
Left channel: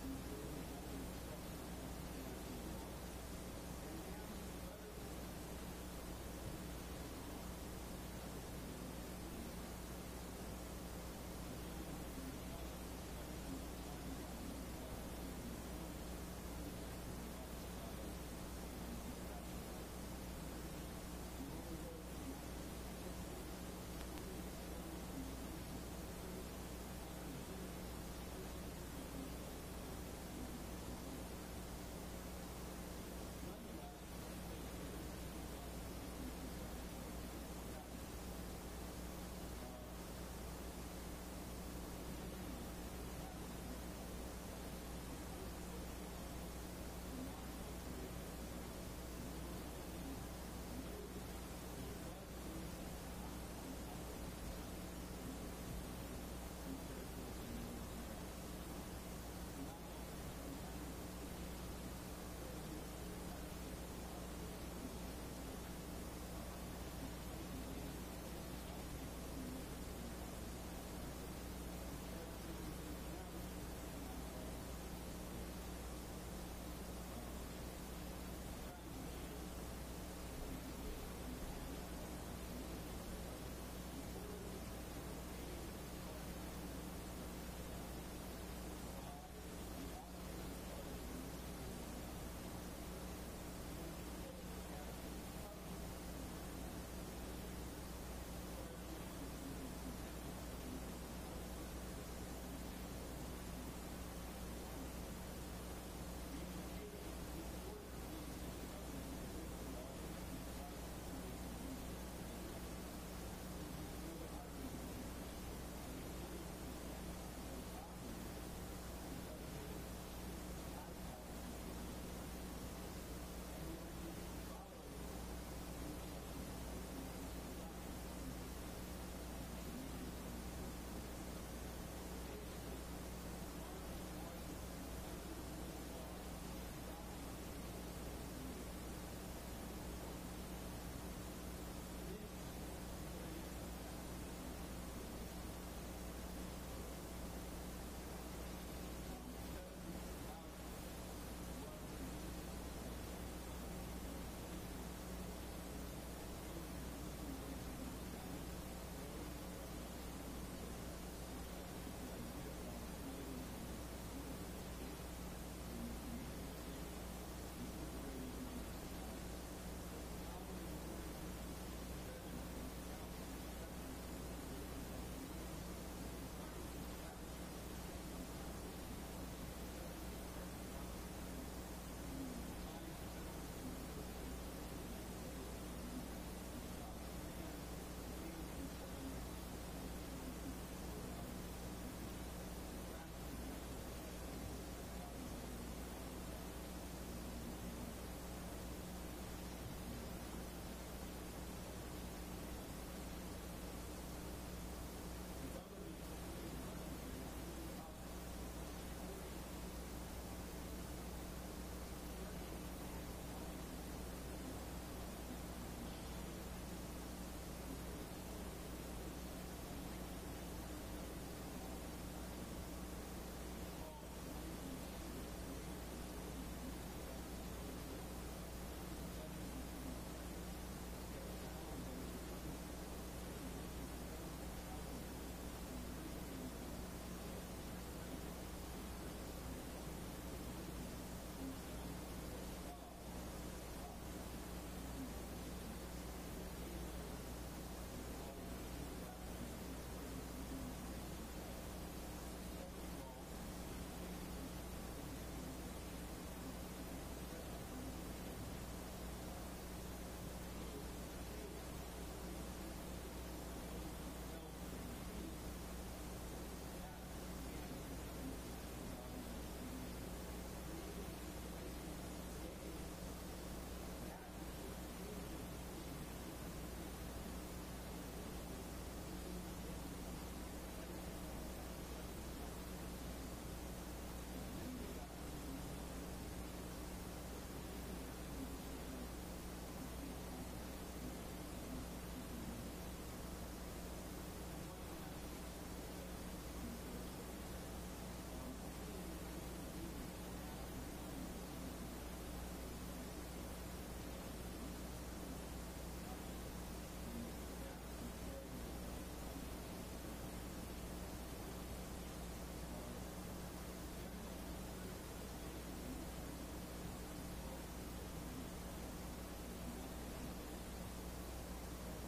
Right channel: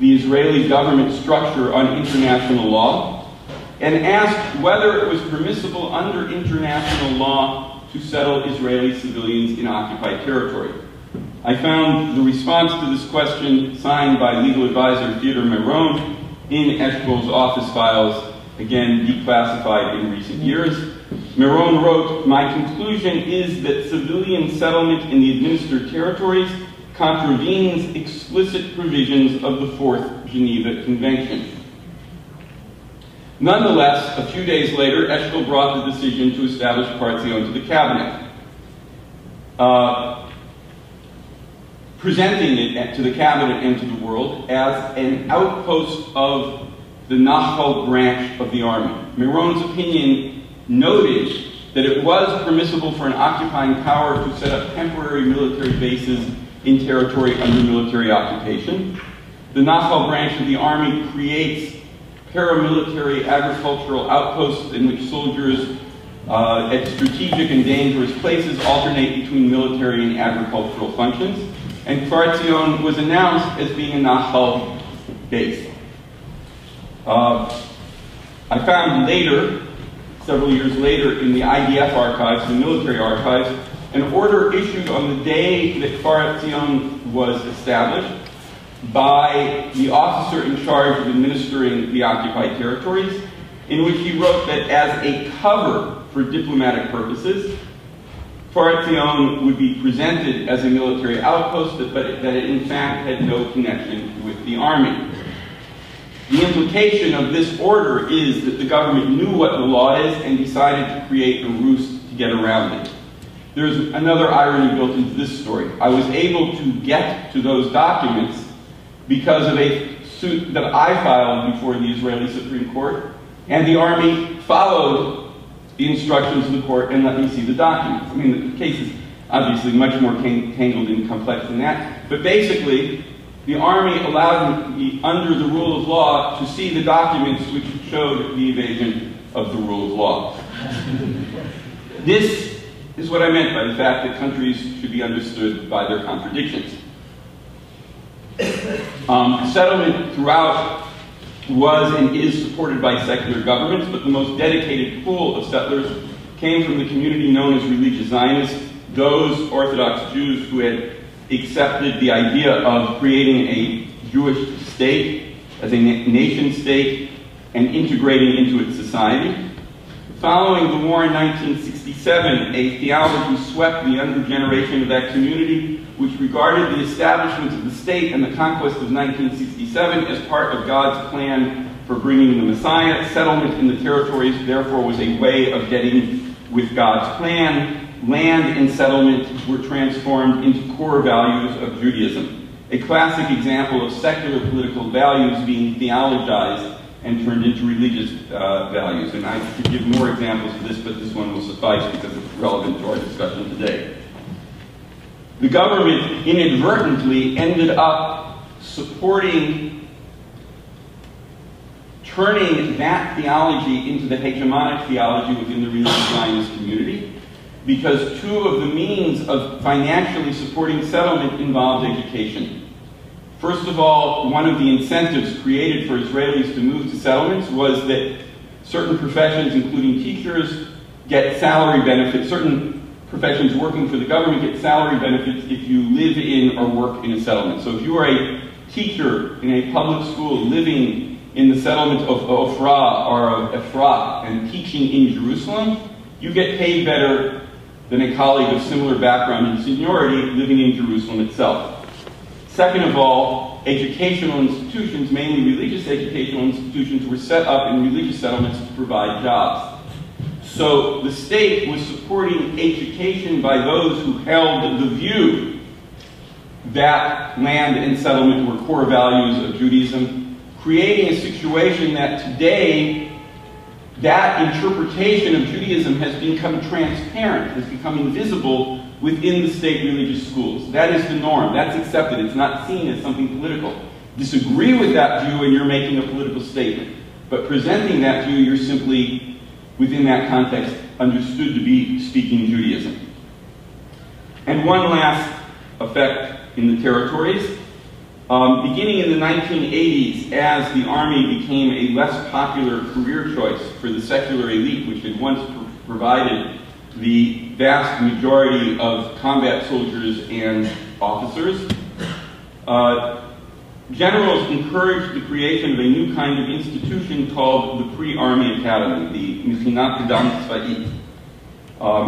the Israeli government structure on international law, and asked whether it was permissible under international law to settle Israeli civilians in occupied territory. I found the response to this question signed by legal advisor Theodore Meron in Eshkol's office files, again declassified in recent years. Meron wrote, "My conclusion is that civilian settlement in the administered territories contravenes explicit provisions of the Fourth Geneva Convention." Nonetheless, a few days later, Eshkol brought the decision to establish Kfar Etzion to the cabinet, presenting it to the cabinet and to the world as an outpost of the Nachal branch of the army. Meron's opinion noted that it was permissible for an occupying power to set up temporary military bases in territory under military occupation. The Nachal branch of the army creates paramilitary agricultural outposts in which soldiers at strategic and dangerous places alternate between military and agricultural functions. And Kfar Etzion was announced as being a Nachal base. I found later, several years later, in the IDF archives, the military archives, an order issued on the day that Kfar Etzion was established by the officer in charge of administering the occupied territories, in which he wrote that as a cover for diplomatic purposes, Kfar Etzion would be presented as a military outpost, but that it in fact had no connection with the army. The implication of this order is that the government knew what the law is and decided to create a ruse to get around it. There's another irony built into this story. I was able to get to those documents because of a suit that I filed before the Israeli Supreme Court, and the army followed the instructions of the court and let me see the documents. I mean, the case is obviously much more tangled and complex than that, but basically, the army allowed me, under the rule of law, to see the documents which showed the evasion of the rule of law. This is what I meant by the fact that countries should be understood by their contradictions. Settlement throughout was and is supported by secular governments, but the most dedicated pool of settlers came from the community known as religious Zionists, those Orthodox Jews who had accepted the idea of creating a Jewish state as a nation state and integrating into its society. Following the war in 1967, a theology swept the younger generation of that community, which regarded the establishment of the state and the conquest of 1967 as part of God's plan for bringing the Messiah. Settlement in the territories, therefore, was a way of getting with God's plan. Land and settlement were transformed into core values of Judaism. A classic example of secular political values being theologized and turned into religious values. And I could give more examples of this, but this one will suffice because it's relevant to our discussion today. The government inadvertently ended up supporting turning that theology into the hegemonic theology within the religious Zionist community. because two of the means of financially supporting settlement involved education. First of all, one of the incentives created for Israelis to move to settlements was that certain professions, including teachers, get salary benefits. Certain professions working for the government get salary benefits if you live in or work in a settlement. So if you are a teacher in a public school living in the settlement of Ofra or of Efrat and teaching in Jerusalem, you get paid better than a colleague of similar background and seniority living in Jerusalem itself. Second of all, educational institutions, mainly religious educational institutions, were set up in religious settlements to provide jobs. So the state was supporting education by those who held the view that land and settlement were core values of Judaism, creating a situation that today that interpretation of Judaism has become transparent, has become invisible within the state religious schools. That is the norm. That's accepted. It's not seen as something political. Disagree with that view and you're making a political statement. But presenting that view, you're simply, within that context, understood to be speaking Judaism. And one last effect in the territories. Beginning in the 1980s, as the army became a less popular career choice for the secular elite, which had once provided the vast majority of combat soldiers and officers, generals encouraged the creation of a new kind of institution called the Pre-Army Academy, the Mechinat Kedam Tzva'it,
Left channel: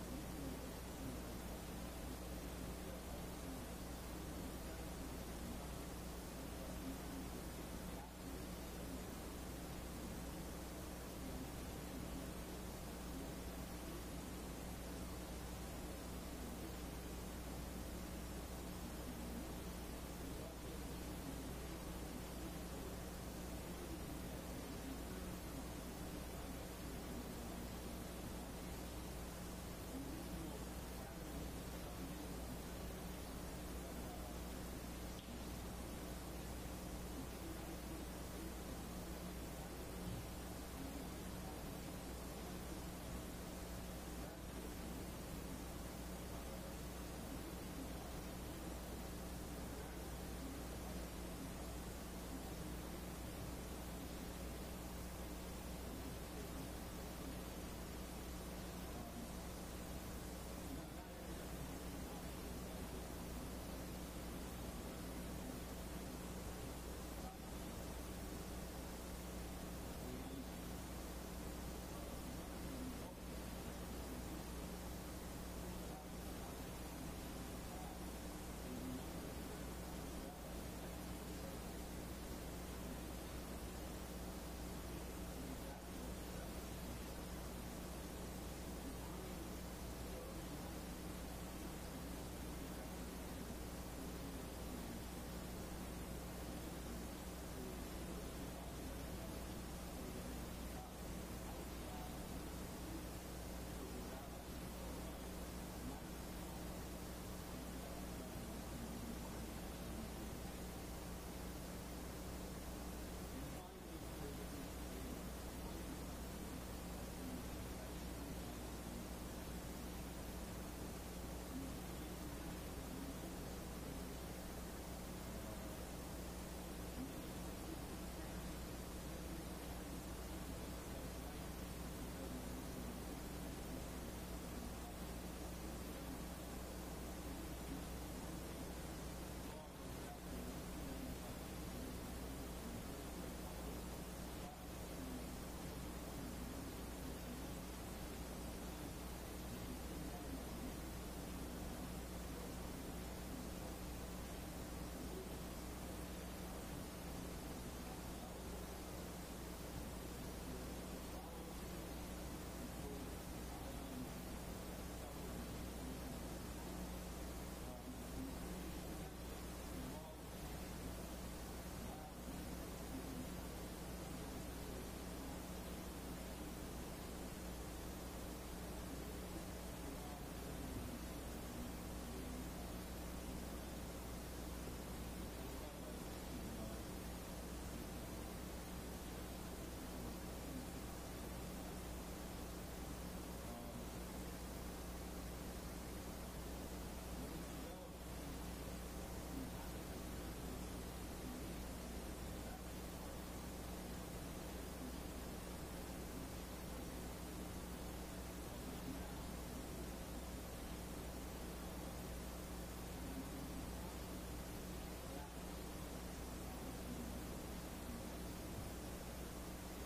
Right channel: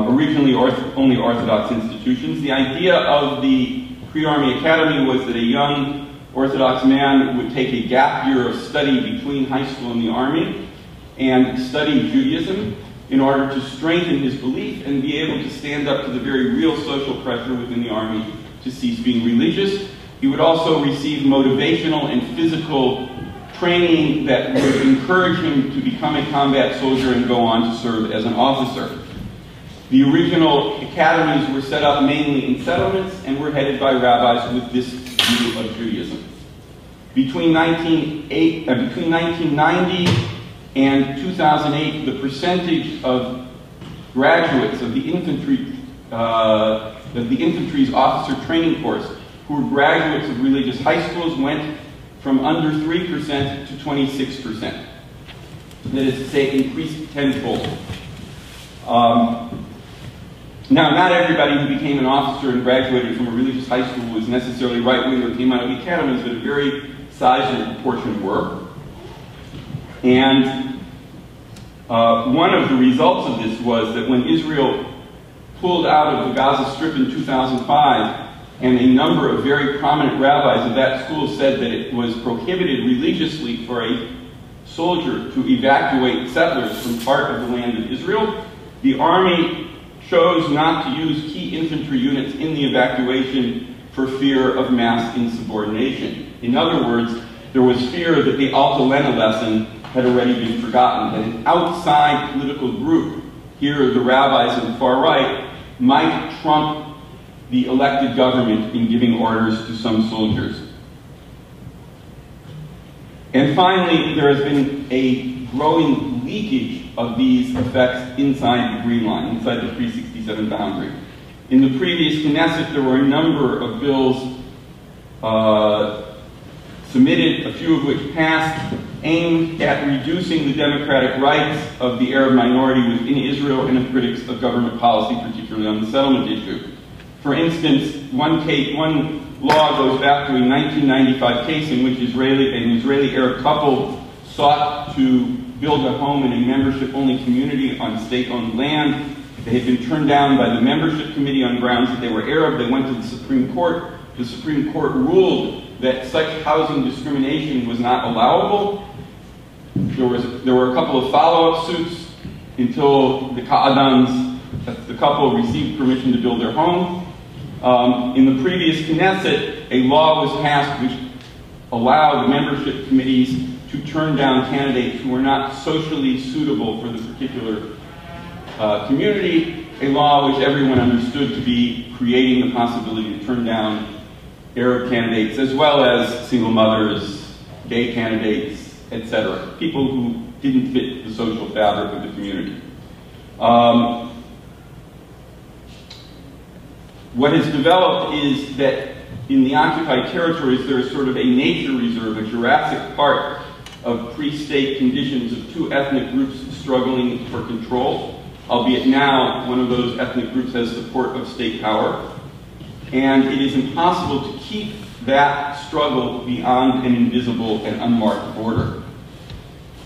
originally only Orthodox institutions. The idea of the Pre-Army Academy was that a young Orthodox man would take a gap year of study between high school and the army and study Judaism in order to strengthen his belief and be able to stand up to the very real social pressure within the army to cease being religious. He would also receive motivational and physical training that would encourage him to become a combat soldier and go on to serve as an officer. The original academies were set up mainly in settlements and were headed by rabbis with this view of Judaism. Between 1990 and 2008, the percentage of graduates of the infantry's officer training course who were graduates of religious high schools went from under 3% to 26%. That is to say, increased tenfold. Now, not everybody who became an officer and graduated from a religious high school was necessarily right-wing or came out of the academies, but a very sizable proportion were. And one of the results of this was that when Israel pulled out of the Gaza Strip in 2005, and a number of very prominent rabbis of that school said that it was prohibited religiously for a soldier to evacuate settlers from part of the land of Israel, the army chose not to use key infantry units in the evacuation for fear of mass insubordination. In other words, there was fear that the Alta Lena lesson had already been forgotten, that an outside political group, here the rabbis of the far right, might trump the elected government in giving orders to some soldiers. And finally, there has been a growing leakage of these effects inside the Green Line, inside the 367 boundary. In the previous Knesset, there were a number of bills submitted, a few of which passed, aimed at reducing the democratic rights of the Arab minority within Israel and of critics of government policy, particularly on the settlement issue. For instance, one law goes back to a 1995 case in which an Israeli-Arab couple sought to build a home in a membership-only community on state-owned land. They had been turned down by the membership committee on grounds that they were Arab. They went to the Supreme Court. The Supreme Court ruled that such housing discrimination was not allowable. There were a couple of follow-up suits until the Ka'adans, the couple, received permission to build their home. In the previous Knesset, a law was passed which allowed the membership committees to turn down candidates who were not socially suitable for the particular community, a law which everyone understood to be creating the possibility to turn down Arab candidates, as well as single mothers, gay candidates, etc., people who didn't fit the social fabric of the community. What has developed is that in the occupied territories, there is sort of a nature reserve, a Jurassic Park of pre-state conditions of two ethnic groups struggling for control, albeit now one of those ethnic groups has support of state power. And it is impossible to keep that struggle beyond an invisible and unmarked border.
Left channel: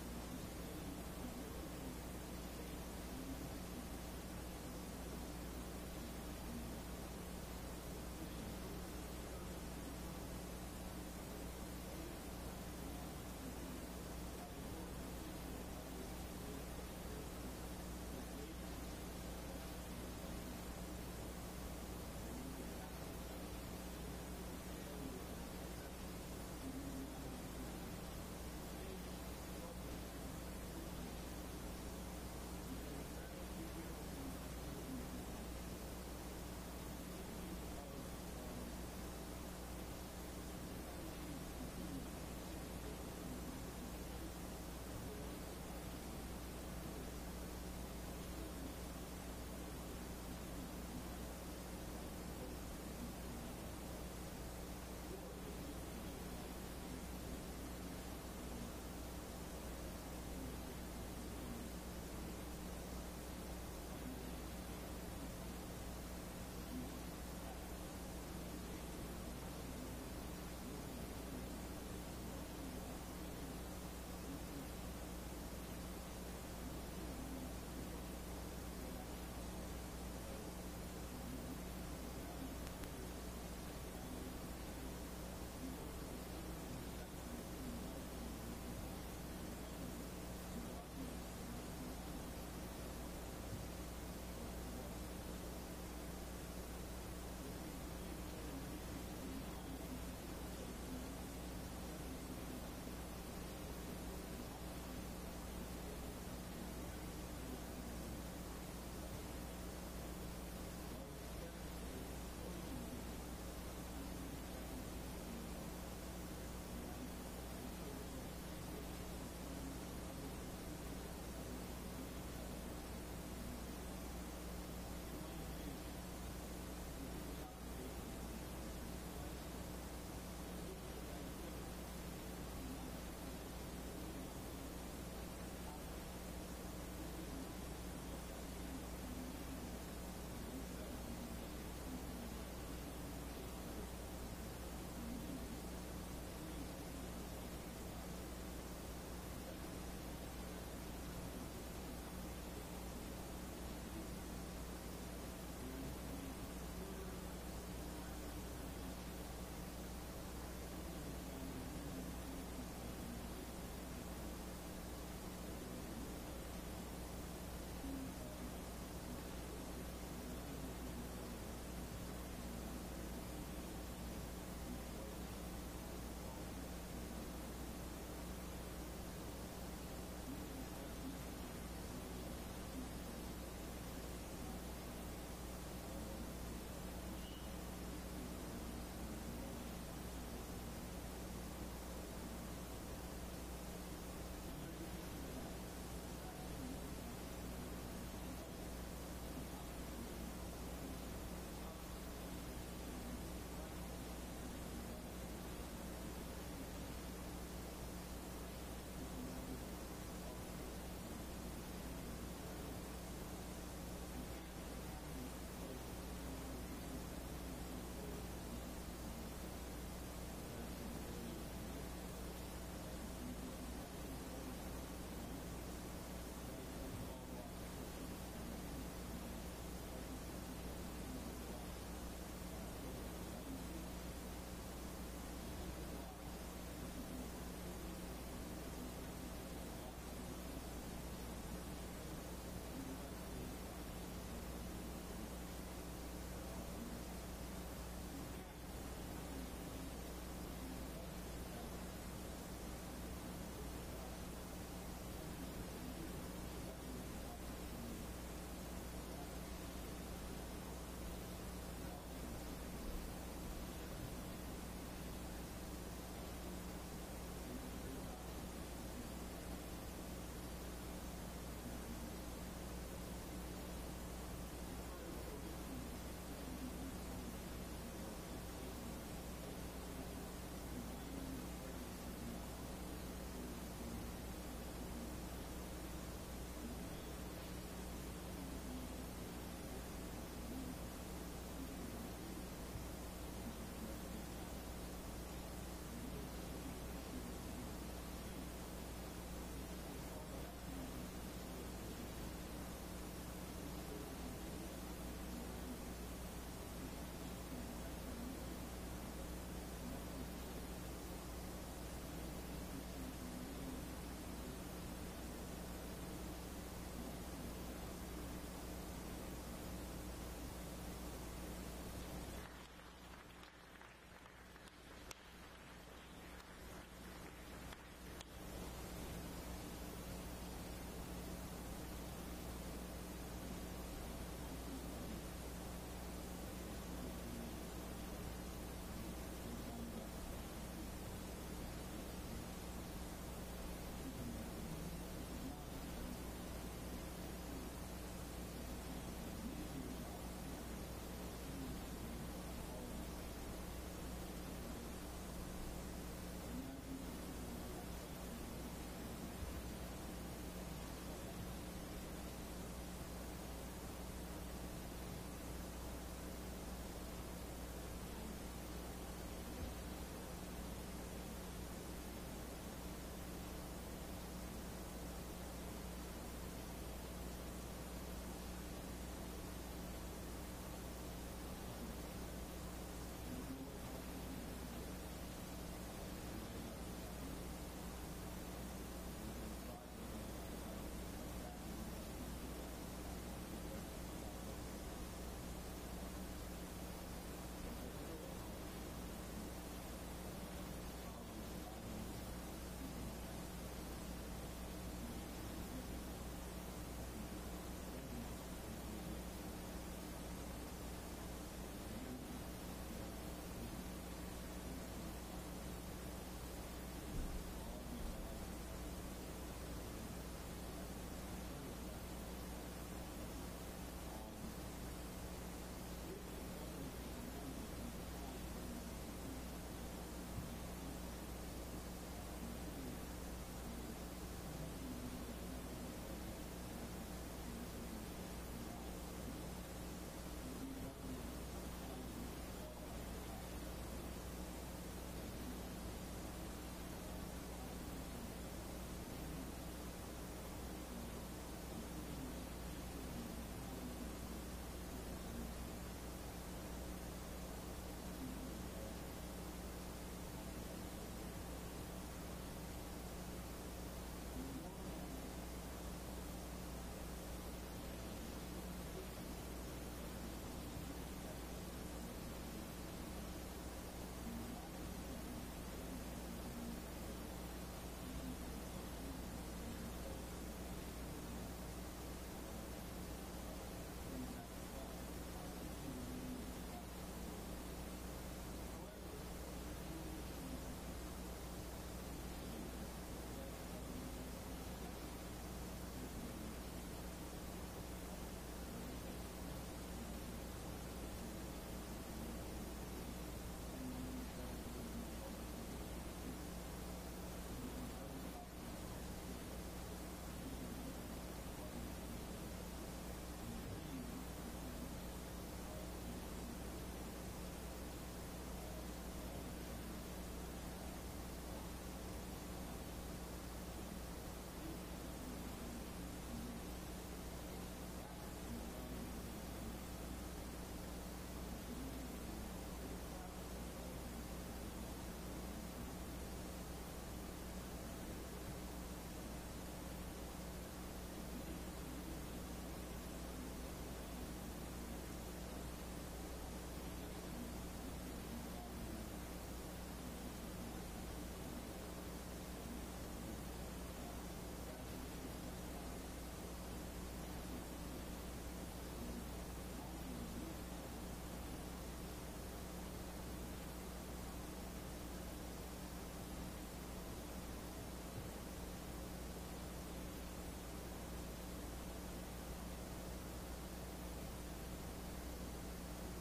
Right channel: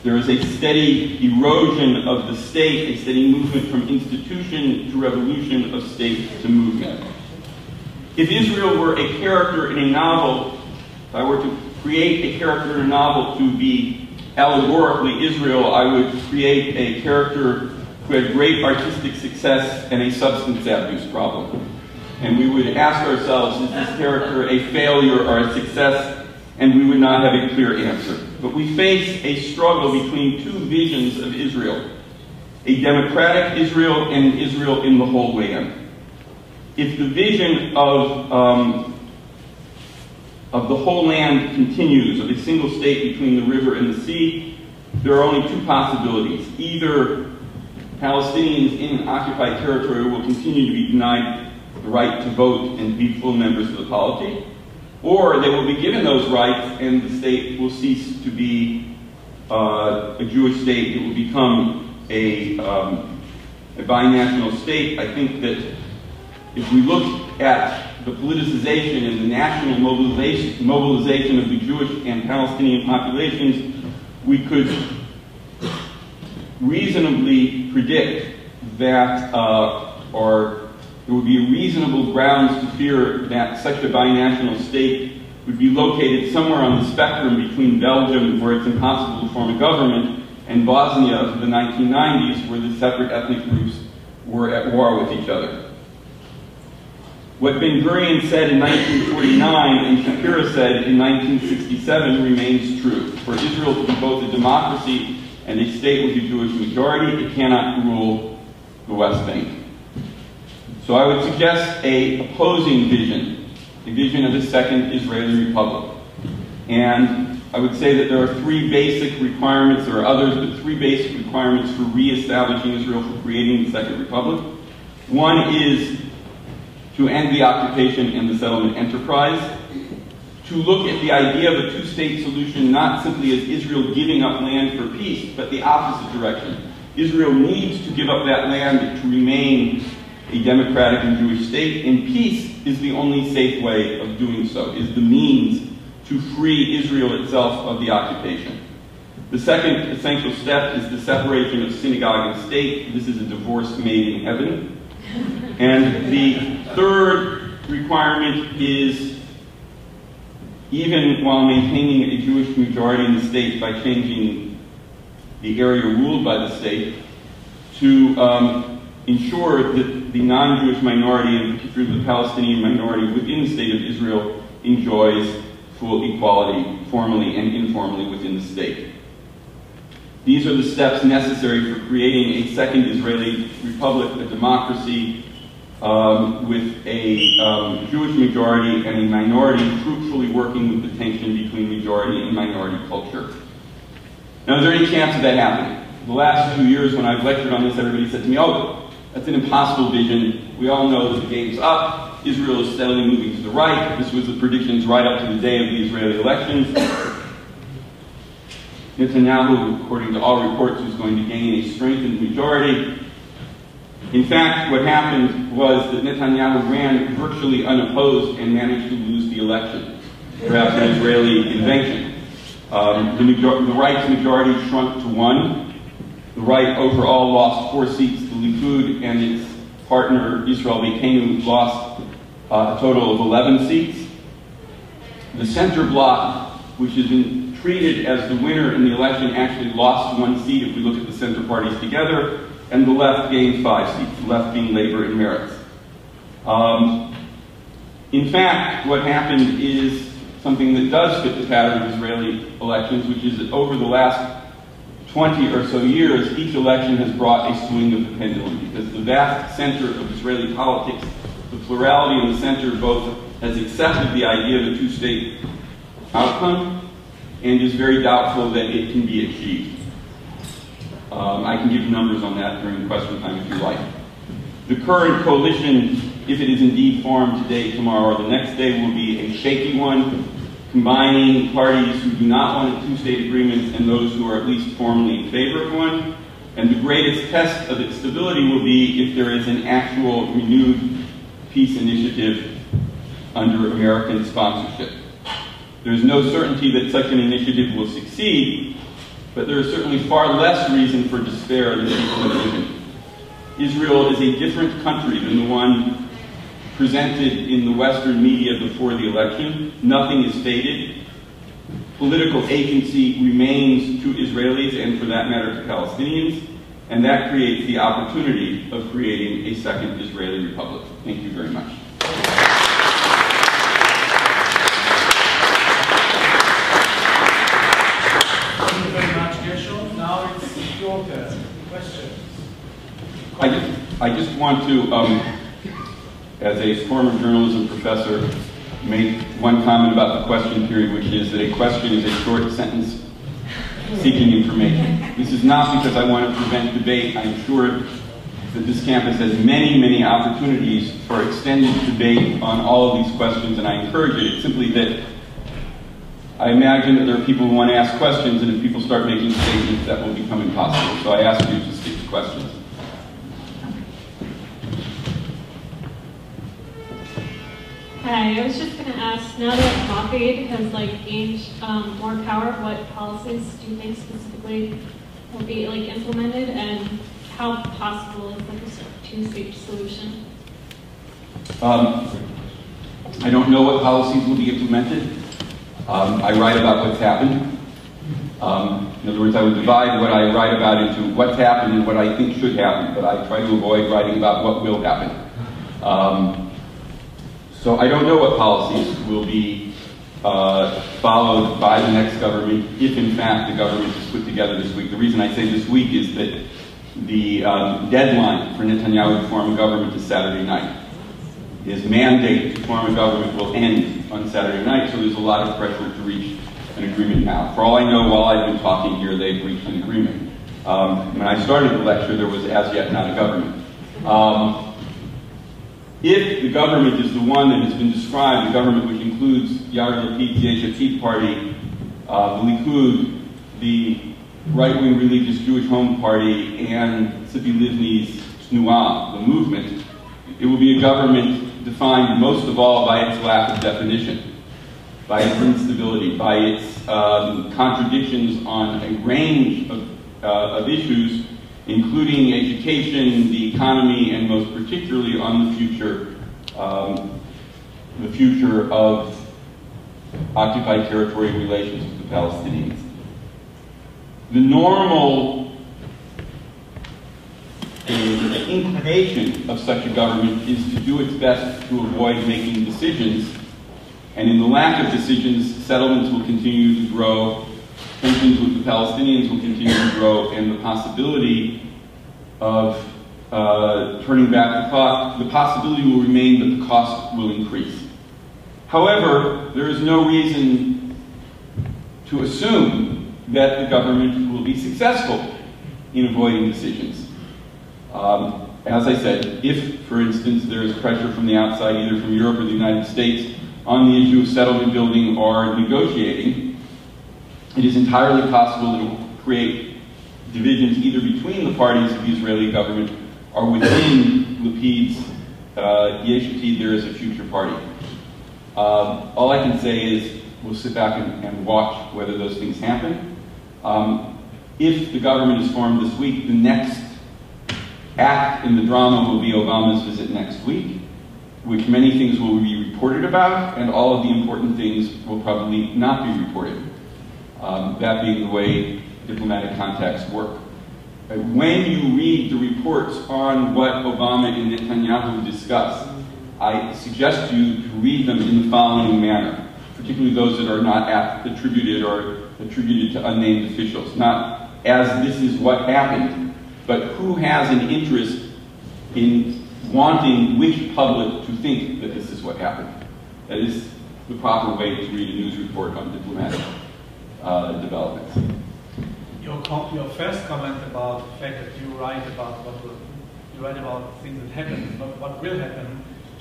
There is a steady erosion of the state, a steady movement from institution to revolution, of state to movement. If Israel were a character in a novel, if I were to create a character in a novel to be allegorically Israel, I would create a character who had great artistic success and a substance abuse problem. And we would ask ourselves, is this character a failure or a success? And we would not have a clear answer. But we face a struggle between two visions of Israel, a democratic Israel and an Israel in the whole land. If the vision of the whole land continues, of a single state between the river and the sea, there are only two possibilities. Either Palestinians in occupied territory will continue to be denied the right to vote and be full members of the polity, or they will be given those rights and the state will cease to be a Jewish state. It will become a binational state. I think that if we look at the politicization and the national mobilization of the Jewish and Palestinian populations, we could reasonably predict that, or there would be reasonable grounds to fear that such a binational state would be located somewhere on the spectrum between Belgium, where it's impossible to form a government, and Bosnia of the 1990s, where the separate ethnic groups were at war with each other. What Ben Gurion said in 1949 and Shapira said in 1967 remains true. For Israel to be both a democracy and a state with a Jewish majority, it cannot rule the West Bank. So I would suggest an opposing vision, a vision of a second Israeli republic. And I would say that there are three basic requirements, there are others, but three basic requirements for reestablishing Israel, for creating the second republic. One is to end the occupation and the settlement enterprise, to look at the idea of a two-state solution not simply as Israel giving up land for peace, but the opposite direction. Israel needs to give up that land to remain a democratic and Jewish state, and peace is the only safe way of doing so, is the means to free Israel itself of the occupation. The second essential step is the separation of synagogue and state. This is a divorce made in heaven. And the third requirement is, even while maintaining a Jewish majority in the state by changing the area ruled by the state, to ensure that the non-Jewish minority, and particularly the Palestinian minority within the state of Israel, enjoys full equality formally and informally within the state. These are the steps necessary for creating a second Israeli republic, a democracy with a Jewish majority and a minority fruitfully working with the tension between majority and minority culture. Now, is there any chance of that happening? The last 2 years when I've lectured on this, everybody said to me, oh, that's an impossible vision. We all know that the game's up. Israel is steadily moving to the right. This was the predictions right up to the day of the Israeli elections. Netanyahu, according to all reports, was going to gain a strengthened majority. In fact, what happened was that Netanyahu ran virtually unopposed and managed to lose the election, perhaps an Israeli invention. The right's majority shrunk to 1. The right overall lost 4 seats. The Likud and its partner, Israel Beitenu, lost a total of 11 seats. The center bloc, which has been treated as the winner in the election, actually lost 1 seat if we look at the center parties together, and the left gained 5 seats, the left being Labor and Meretz. In fact, what happened is something that does fit the pattern of Israeli elections, which is that over the last 20 or so years, each election has brought a swing of the pendulum, because the vast center of Israeli politics, the plurality in the center, both has accepted the idea of a two-state outcome and is very doubtful that it can be achieved. I can give numbers on that during question time if you like. The current coalition if it is indeed formed today, tomorrow, or the next day, will be a shaky one, combining parties who do not want a two-state agreement and those who are at least formally in favor of one. And the greatest test of its stability will be if there is an actual renewed peace initiative under American sponsorship. There is no certainty that such an initiative will succeed, but there is certainly far less reason for despair than people imagine. Israel is a different country than the one presented in the Western media before the election. Nothing is faded. Political agency remains to Israelis and, for that matter, to Palestinians, and that creates the opportunity of creating a second Israeli republic. Thank you very much. Thank you very much, Gershom. Now it's your turn. Questions? I just want to, as a former journalism professor, make one comment about the question period, which is that a question is a short sentence seeking information. This is not because I want to prevent debate. I'm sure that this campus has many, many opportunities for extended debate on all of these questions, and I encourage it. It's simply that I imagine that there are people who want to ask questions, and if people start making statements, that will become impossible. So I ask you to stick to questions. Hi, I was just going to ask, now that Mossad has gained more power, what policies do you think specifically will be implemented, and how possible is a two-state solution? I don't know what policies will be implemented. I write about what's happened. In other words, I would divide what I write about into what's happened and what I think should happen, but I try to avoid writing about what will happen. So I don't know what policies will be followed by the next government, if in fact the government is put together this week. The reason I say this week is that the deadline for Netanyahu to form a government is Saturday night. His mandate to form a government will end on Saturday night, so there's a lot of pressure to reach an agreement now. For all I know, while I've been talking here, they've reached an agreement. When I started the lecture, there was as yet not a government. If the government is the one that has been described, the government which includes Yair Lapid's Yesh Atid party, the Likud, the right-wing religious Jewish Home Party, and Tzipi Livni's Tnuah, the movement, it will be a government defined most of all by its lack of definition, by its instability, by its contradictions on a range of issues, including education, the economy, and most particularly on the future of occupied territory relations with the Palestinians. The normal inclination of such a government is to do its best to avoid making decisions, and in the lack of decisions, settlements will continue to grow, tensions with the Palestinians will continue to grow, and the possibility of turning back the clock, the possibility will remain that the cost will increase. However, there is no reason to assume that the government will be successful in avoiding decisions. As I said, if, for instance, there is pressure from the outside, either from Europe or the United States, on the issue of settlement building or negotiating, it is entirely possible that it will create divisions either between the parties of the Israeli government or within Lapid's Yesh Atid, there is a future party. All I can say is we'll sit back and watch whether those things happen. If the government is formed this week, the next act in the drama will be Obama's visit next week, which many things will be reported about, and all of the important things will probably not be reported. That being the way diplomatic contacts work. When you read the reports on what Obama and Netanyahu discuss, I suggest to you to read them in the following manner, particularly those that are not attributed to unnamed officials. Not as this is what happened, but who has an interest in wanting which public to think that this is what happened. That is the proper way to read a news report on diplomatic developments. Your first comment about the fact that you write about things that happen, not what will happen,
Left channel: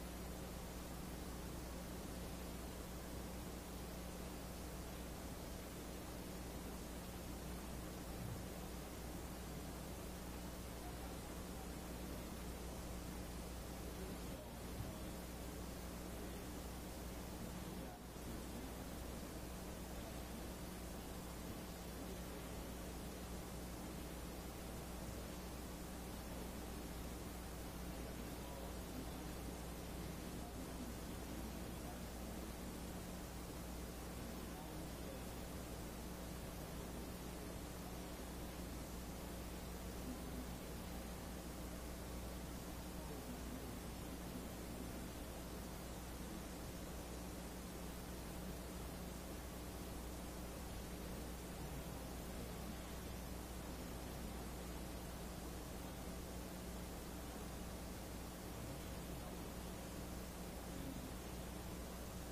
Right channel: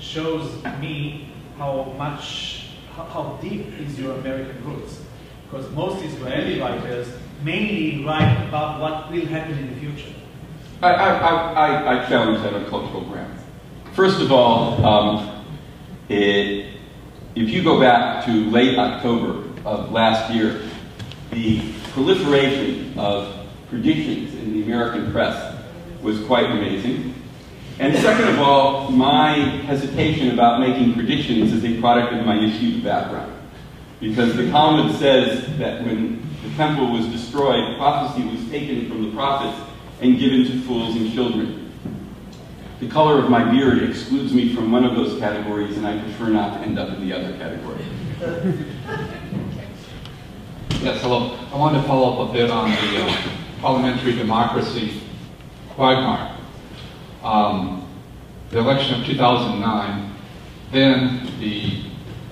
shows me how deep is your American roots. Because most Israeli writers mainly write about what will happen in the future. I challenge that on cultural ground. First of all, if you go back to late October of last year, the proliferation of predictions in the American press was quite amazing. And second of all, my hesitation about making predictions is a product of my yeshiva background. Because the Talmud says that when the temple was destroyed, prophecy was taken from the prophets and given to fools and children. The color of my beard excludes me from one of those categories, and I prefer not to end up in the other category. Yes, hello. I wanted to follow up a bit on the parliamentary democracy quagmire. The election of 2009, then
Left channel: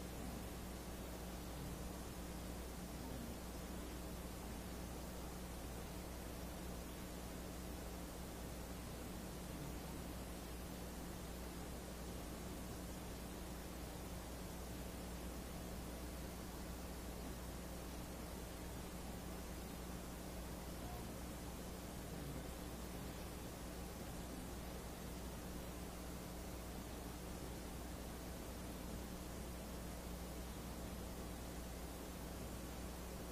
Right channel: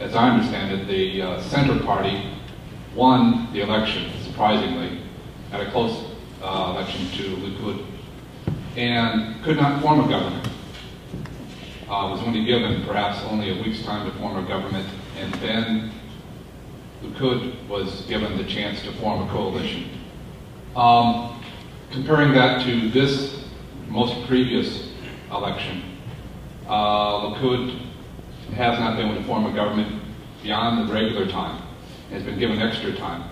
as I understand it, the Center Party won the election, surprisingly, at a close election to Likud, and could not form a government. Was only given perhaps only a week's time to form a government, and then Likud was given the chance to form a coalition. Comparing that to this most previous election, Likud has not been able to form a government beyond the regular time. Has been given extra time.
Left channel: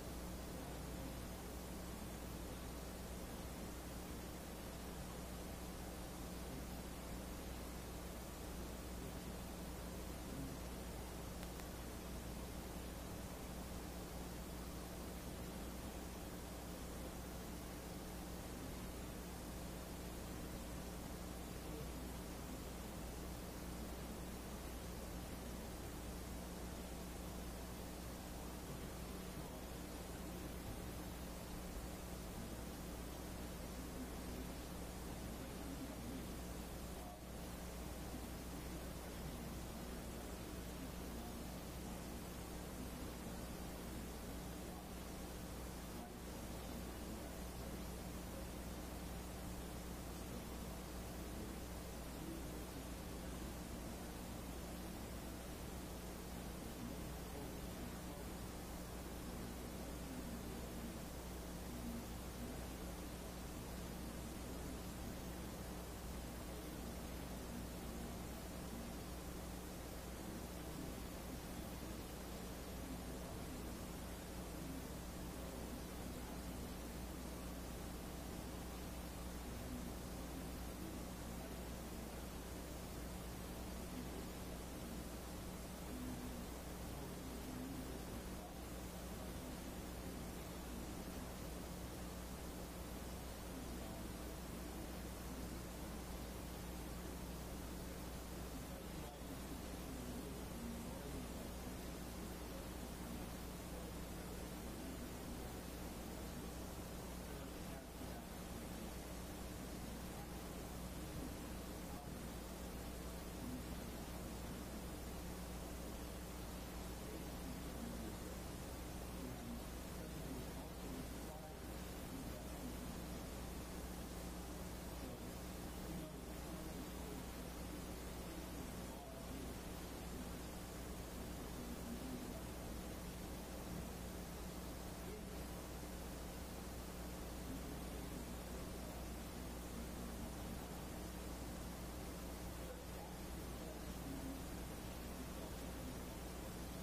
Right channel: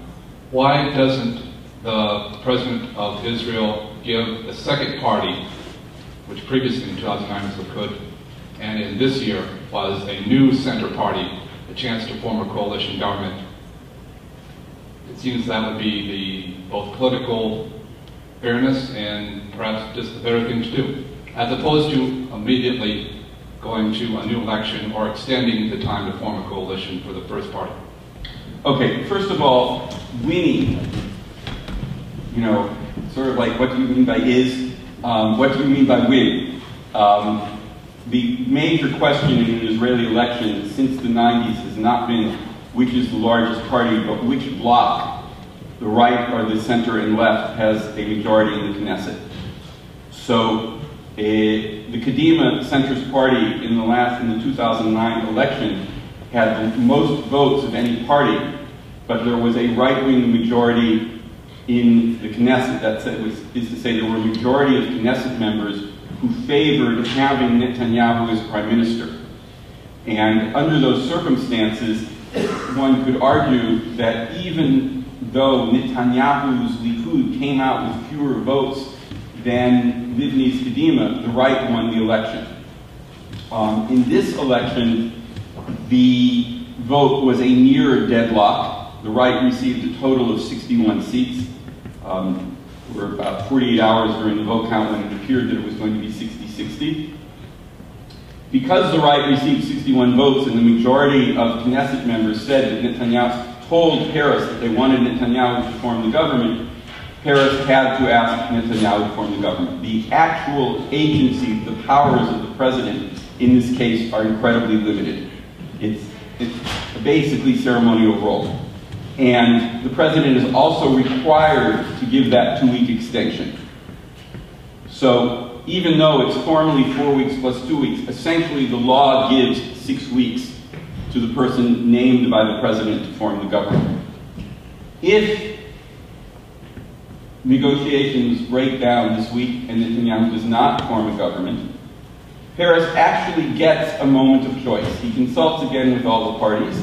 Why doesn't the President of Israel give the second party, which previously in 2009 was Likud, and in this year was a new center party, a chance to form a coalition government? It seems that would be the both political fairness and perhaps just the better thing to do, as opposed to immediately going to a new election or extending the time to form a coalition for the first party. Okay, first of all, winning, sort of like what do you mean by is, what do you mean by win? The major question in an Israeli election since the 90s has not been which is the largest party, but which bloc, the right or the center and left, has a majority in the Knesset. So the Kadima centrist party in the 2009 election had the most votes of any party, but there was a right-wing majority in the Knesset. That is to say, there were a majority of Knesset members who favored having Netanyahu as prime minister. And under those circumstances, one could argue that even though Netanyahu's Likud came out with fewer votes than Livni's Kadima, the right won the election. In this election, the vote was a near deadlock. The right received a total of 61 seats. There were about 48 hours during the vote count when it appeared that it was going to be 60-60. Because the right received 61 votes and the majority of Knesset members said that Netanyahu told Paris that they wanted Netanyahu to form the government, Paris had to ask Netanyahu to form the government. The actual agency, the powers of the president in this case are incredibly limited. It's basically ceremonial role. And the president is also required to give that 2-week extension. So even though it's formally 4 weeks plus 2 weeks, essentially the law gives 6 weeks to the person named by the president to form the government. If negotiations break down this week and Netanyahu does not form a government, Peres actually gets a moment of choice. He consults again with all the parties,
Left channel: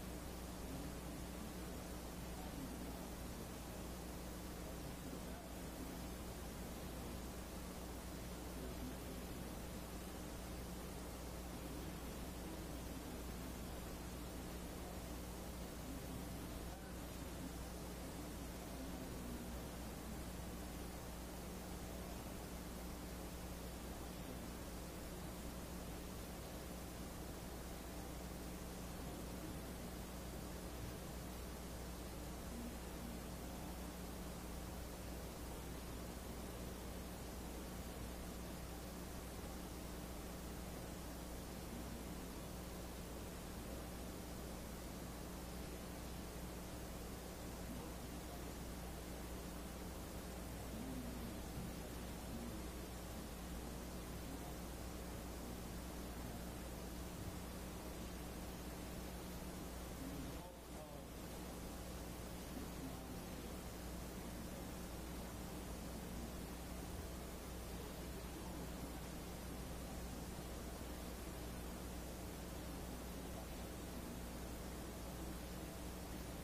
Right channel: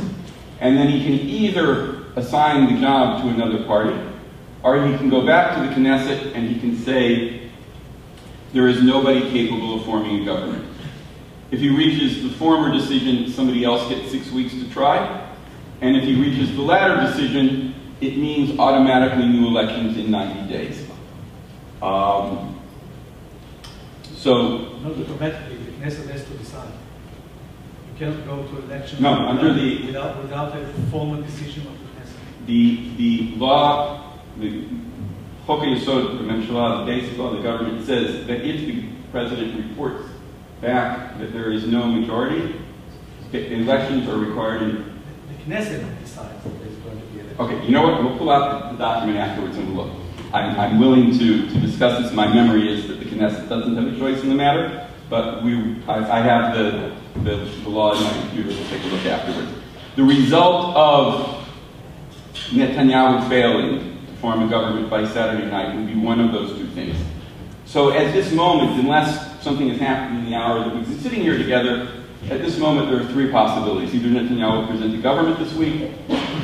and then he can either assign the job to another party, or he can go back to the Knesset and he can say, there is nobody capable of forming a government. If he reaches the former decision, somebody else gets 6 weeks to try. And if he reaches the latter decision, it means automatically new elections in 90 days. Not automatically, the Knesset has to decide. You cannot go to election without a formal decision of the Knesset. The law, the Chok HaYesod, the Memshalah, the basic law of the government says that if the president reports back that there is no majority, elections are required in... The Knesset decides that there's going to be an election. Okay, you know what? We'll pull out the document afterwards and we'll look. I'm willing to discuss this. My memory is that the Knesset doesn't have a choice in the matter, but I have the the law in my computer. We'll take a look afterwards. The result of Netanyahu failing to form a government by Saturday night would be one of those two things. So at this moment, unless something has happened in the hour that we've been sitting here together, at this moment there are three possibilities. Either Netanyahu will present the government this week,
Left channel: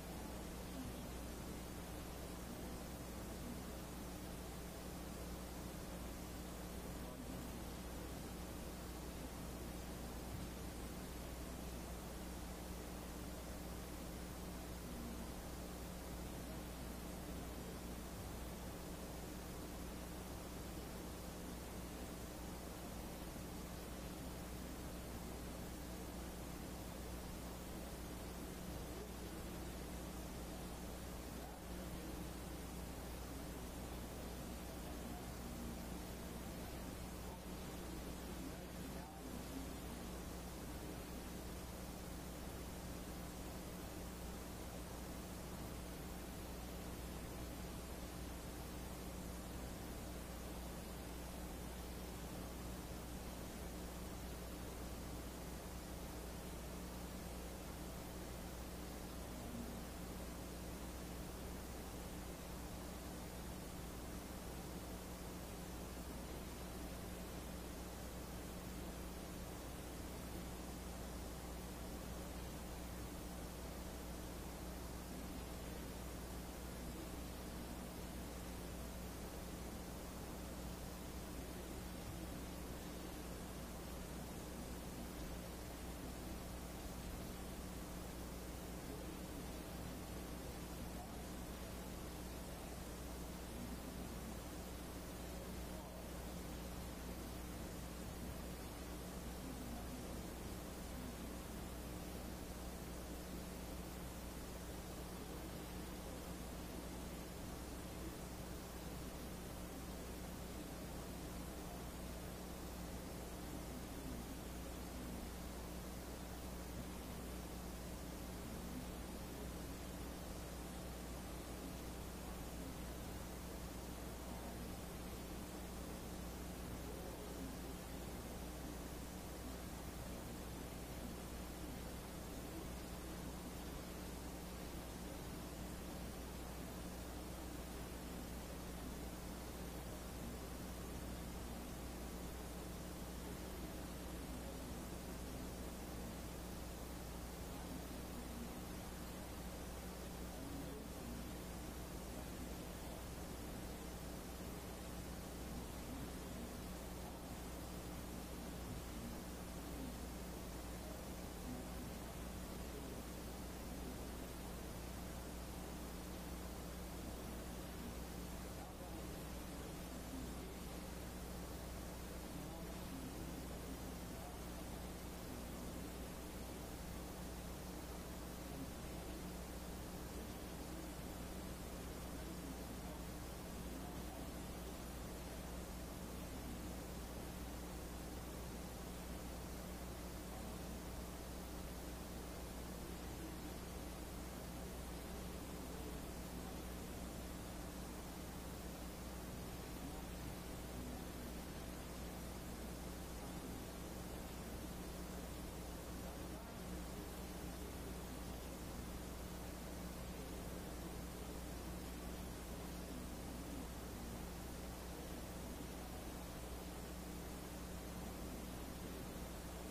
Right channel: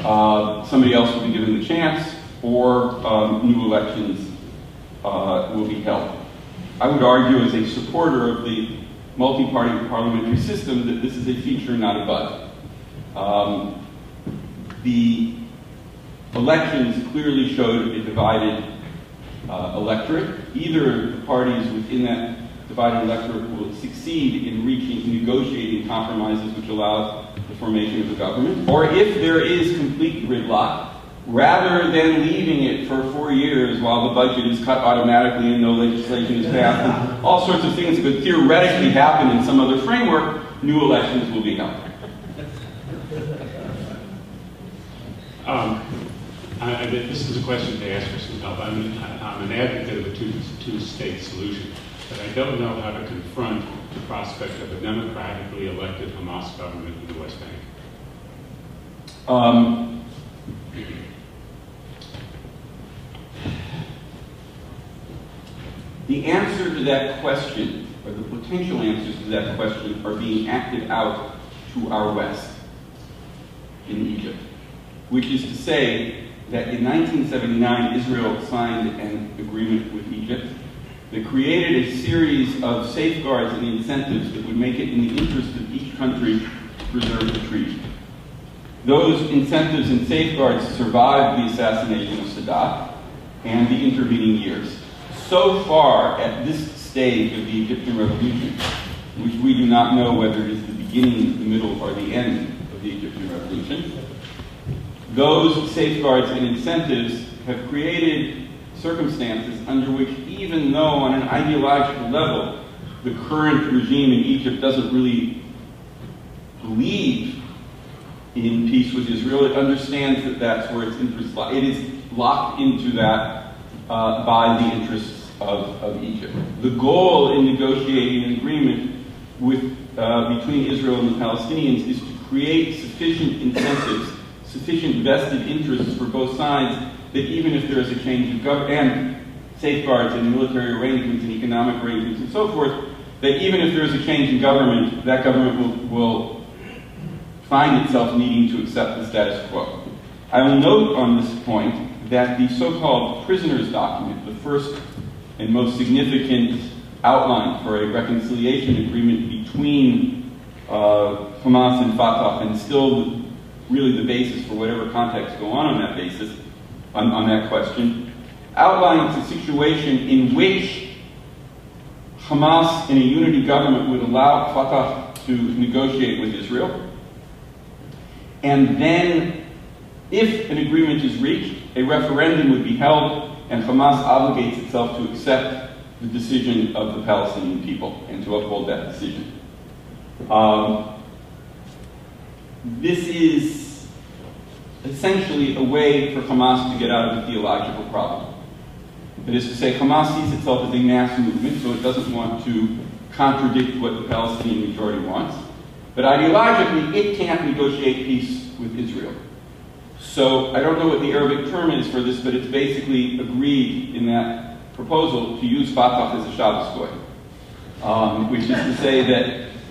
somebody else will be given the chance, or new elections will be held. I would argue as a supporter of the multi-party parliamentary system that this is a feature, not a bug. The elections clearly showed a divided electorate. Either the parties within that divided electorate will succeed in negotiating compromises which allow the formation of a government, or if there is complete gridlock, rather than leaving it for 4 years while the budget is cut automatically and no legislation is passed, and all sorts of things that could theoretically happen in some other framework, new elections will be held. This is a question to ask for some help. I'm an advocate of a two-state solution, but I don't know how to confront the prospect of a democratically elected Hamas government in the West Bank. The answer to that question, or the potential answers to that question, are being acted out to our west in Egypt, which is to say that in 1979, Israel signed an agreement with Egypt that created a series of safeguards and incentives that would make it in the interest of each country to preserve the treaty. Those incentives and safeguards survived the assassination of Sadat and the intervening years. So far, at this stage of the Egyptian revolution, which we do not know whether it is the beginning, the middle, or the end of the Egyptian revolution, those safeguards and incentives have created circumstances under which, even though on an ideological level, the current regime in Egypt doesn't really believe in peace with Israel, it understands that that's where its interests lie. It is locked into that by the interests of Egypt. The goal in negotiating an agreement between Israel and the Palestinians is to create sufficient incentives, sufficient vested interests for both sides, that even if there is a change of government, and safeguards and military arrangements and economic arrangements and so forth, that even if there is a change in government, that government will find itself needing to accept the status quo. I will note on this point that the so-called prisoners document, the first and most significant outline for a reconciliation agreement between Hamas and Fatah, and still really the basis for whatever contacts go on that basis, on that question, outlines a situation in which Hamas in a unity government would allow Fatah to negotiate with Israel, and then, if an agreement is reached, a referendum would be held, and Hamas obligates itself to accept the decision of the Palestinian people and to uphold that decision. This is essentially a way for Hamas to get out of a theological problem. That is to say, Hamas sees itself as a mass movement, so it doesn't want to contradict what the Palestinian majority wants. But ideologically, it can't negotiate peace with Israel. So I don't know what the Arabic term is for this, but it's basically agreed in that proposal to use Fatah as a Shabbos goy, which is to say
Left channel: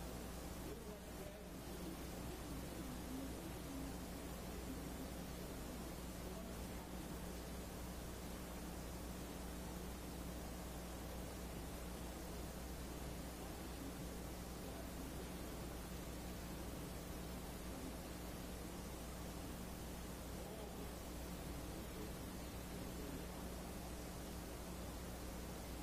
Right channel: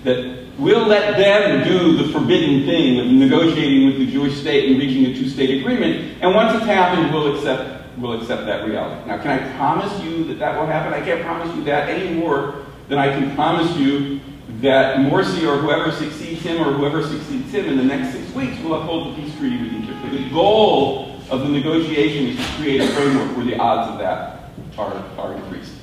that we'll let them do the forbidden thing of negotiating with the Jewish state and reaching a two-state agreement, and once it's happened, we'll accept that reality. Now, can I promise you that that will happen? I can't promise you that any more than I can promise you that Morsi or whoever succeeds him or whoever succeeds him in the next 6 weeks will uphold the peace treaty with Egypt. But the goal of the negotiation is to create a framework where the odds of that are increased.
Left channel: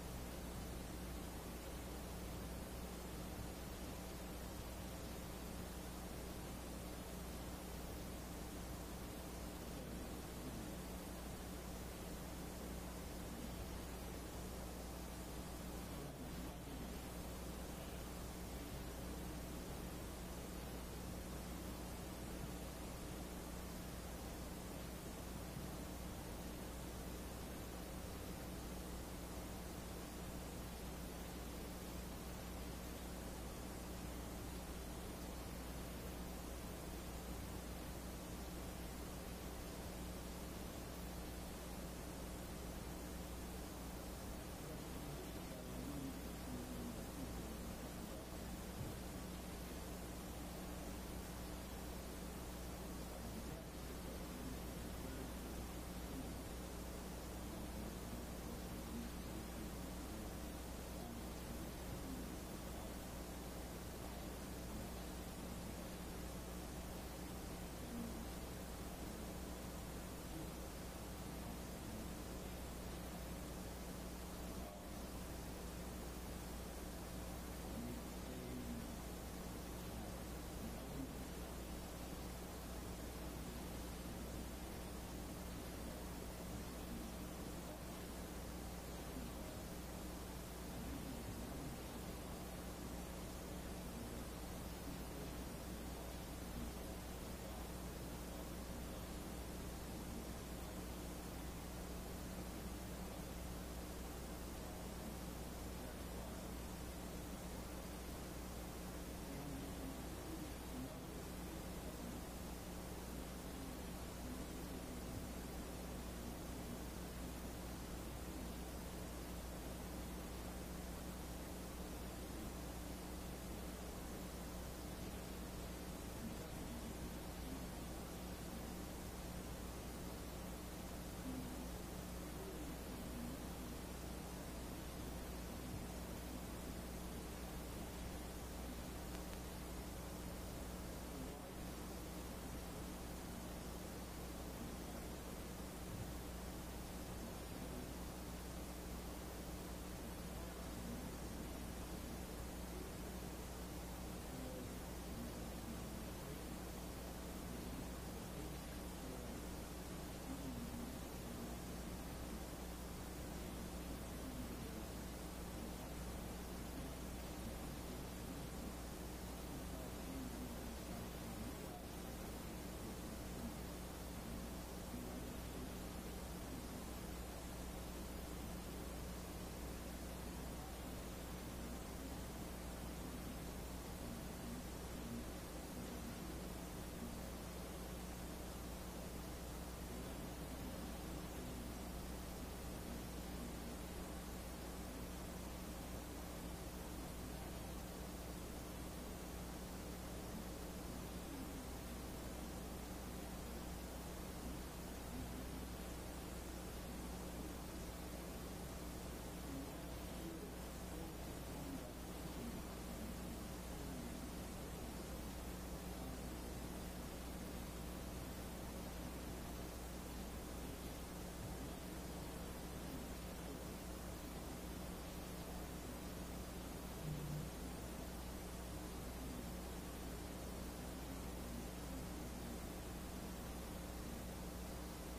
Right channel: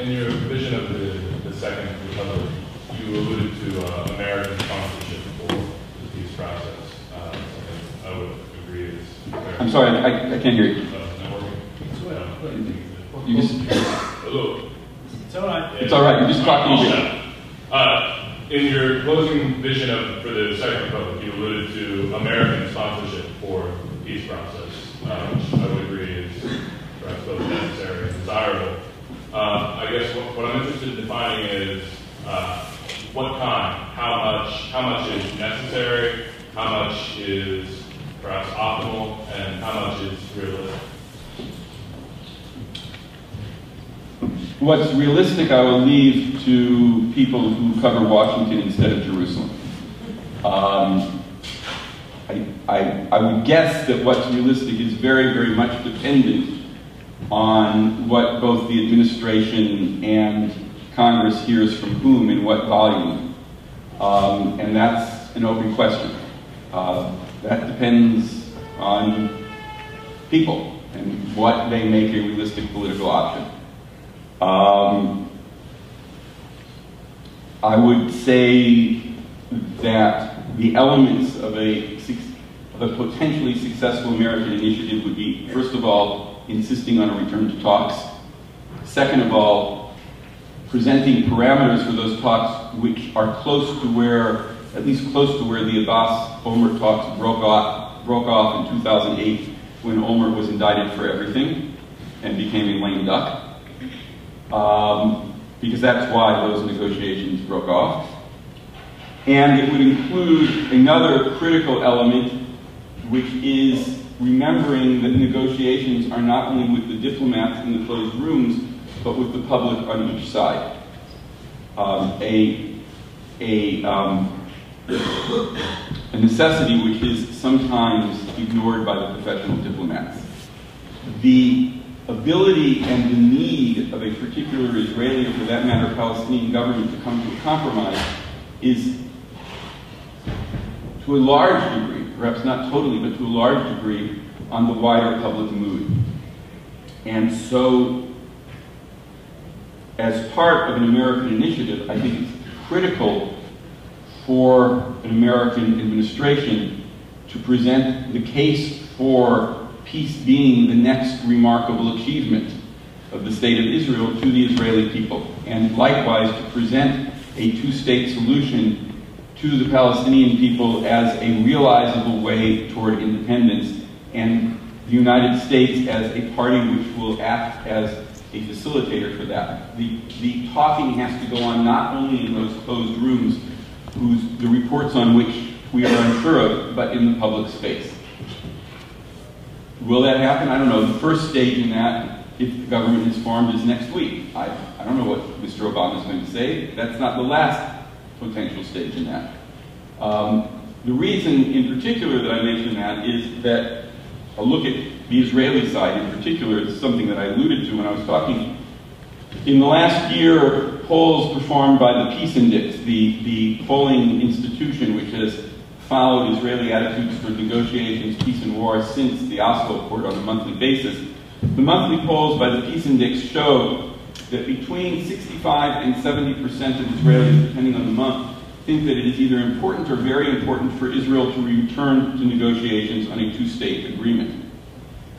In your vision of the Second Republic, you alluded to American sponsorship for the peace process. I would agree is fair. I'm sorry, I can't hear you. Not working. You just, Hello. It's all right. it's all right, you're just talking to In your closing vision for the Second Republic, you alluded to American sponsorship for the peace process, which I would agree is perhaps both necessary and desirable. I guess what I'm interested in much is perhaps optimal and how much is realistic? What's realistic, I will leave to people who cover Washington instead of Jerusalem. I would guess that what's realistic is very, very much dependent on what both the administration and Congress hears from whom in what volume. And that's an open question. That depends on people and what they make a realistic political option. I would say that the elements of a potentially successful American initiative would be, first of all, insisting on a return to talks. Second of all, presenting parameters for those talks which are close to where, at least close to where the Abbas-Olmert talks broke off in 2008 when Olmert was indicted for everything and became a lame duck. Because that's why those negotiations broke off. And it would include another critical element, which is remembering that negotiations are not only with the diplomats in the closed rooms, but with the public on each side. A necessity which is sometimes ignored by the professional diplomats. The ability and the need of a particular Israeli, or for that matter, Palestinian government to come to a compromise is, to a large degree, perhaps not totally, but to a large degree, on the wider public mood. And so, as part of an American initiative, I think it's critical for an American administration to present the case for peace being the next remarkable achievement of the state of Israel to the Israeli people, and likewise to present a two-state solution to the Palestinian people as a realizable way toward independence, and the United States as a party which will act as a facilitator for that. The talking has to go on not only in those closed rooms, the reports on which we are unsure of, but in the public space. Will that happen? I don't know. The first stage in that, if the government is formed, is next week. I don't know what Mr. Obama is going to say. That's not the last potential stage in that. The reason in particular that I mention that is that a look at the Israeli side in particular is something that I alluded to when I was talking. In the last year, polls performed by the Peace Index, the polling institution which has followed Israeli attitudes toward negotiations, peace and war since the Oslo Accord on a monthly basis, the monthly polls by the Peace Index show that between 65 and 70% of Israelis, depending on the month, think that it is either important or very important for Israel to return to negotiations on a two-state agreement.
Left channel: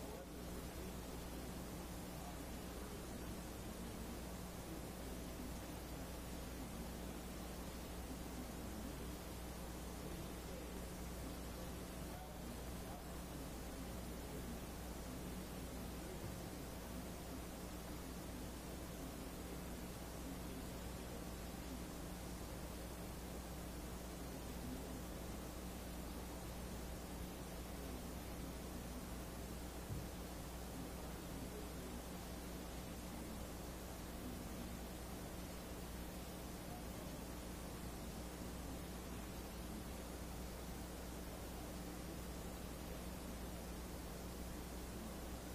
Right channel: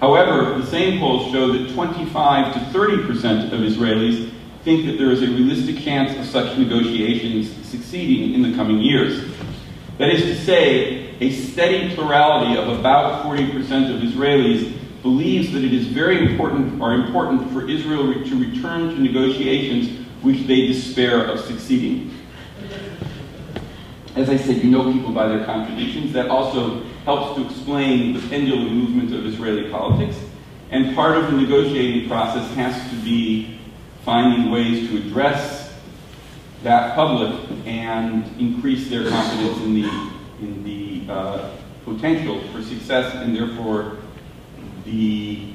However, the same polls show that 25 to 30% of Israelis think that there is a realistic chance of such negotiations succeeding in the coming years. That is to say, a steady plurality of about 40% of Israelis believes that it is very important for Israel to return to negotiations which they despair of succeeding. As I said, you know people by their contradictions. That also helps to explain the pendulum movement of Israeli politics. And part of the negotiating process has to be finding ways to address that public and increase their confidence in the potential for success and therefore the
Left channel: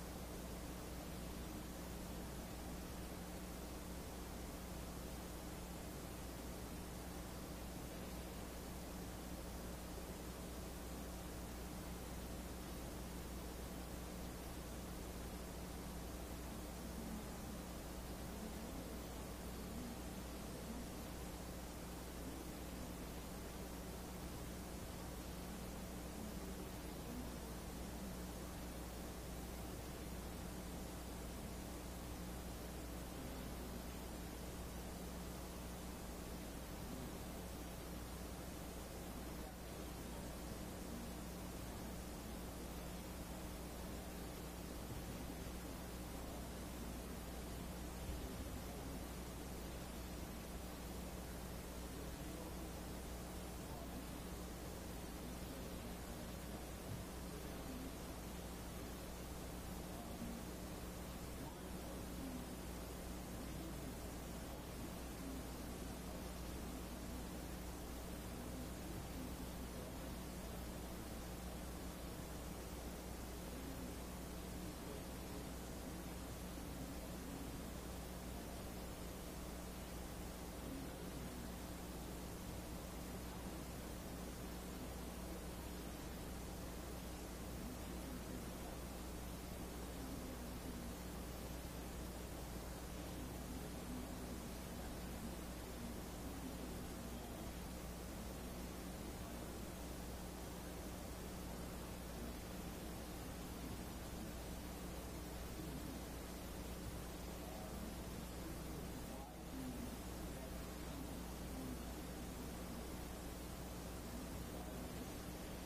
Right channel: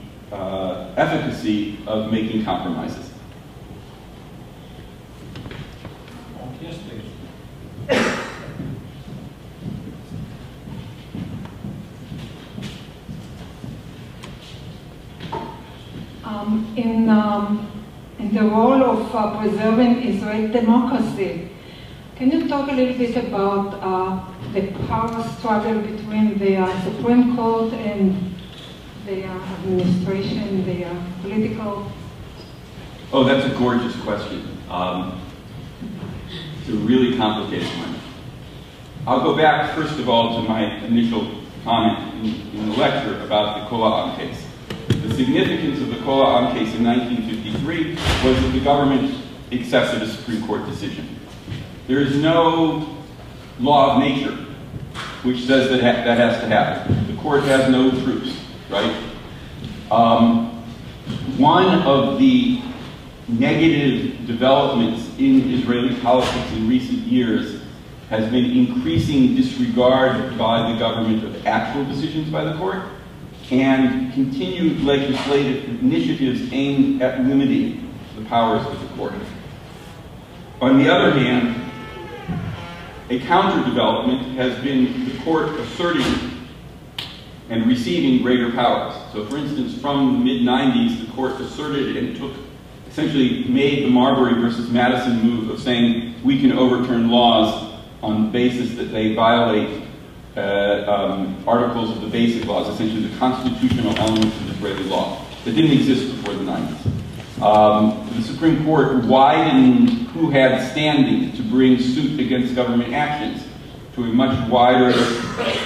efficacy of making compromises. Yes, please. In the role of preserving Israeli democracy, can you talk a little bit about the power struggle between the Supreme Court and the administration, the political? Oh, that's a gorgeous question. It's a really complicated one. I'll go back, first of all, to my initial comment in the lecture about the Kola case. The significance of the Kola case in 1953 was that the government accepted a Supreme Court decision. There is no law of nature which says that that has to happen. The court has no troops, right? One of the negative developments in Israeli politics in recent years has been increasing disregard by the government of actual decisions by the court and continued legislative initiatives aimed at limiting the powers of the court. On the other hand, a counter-development has been the court asserting and receiving greater powers. So for instance, from the mid-90s, the court asserted and essentially made the Marbury versus Madison move of saying we can overturn laws on the basis that they violate articles of the basic laws, essentially the constitutional elements of Israeli law that didn't exist before the 90s. The Supreme Court widened who had standing to bring suit against government actions to a much wider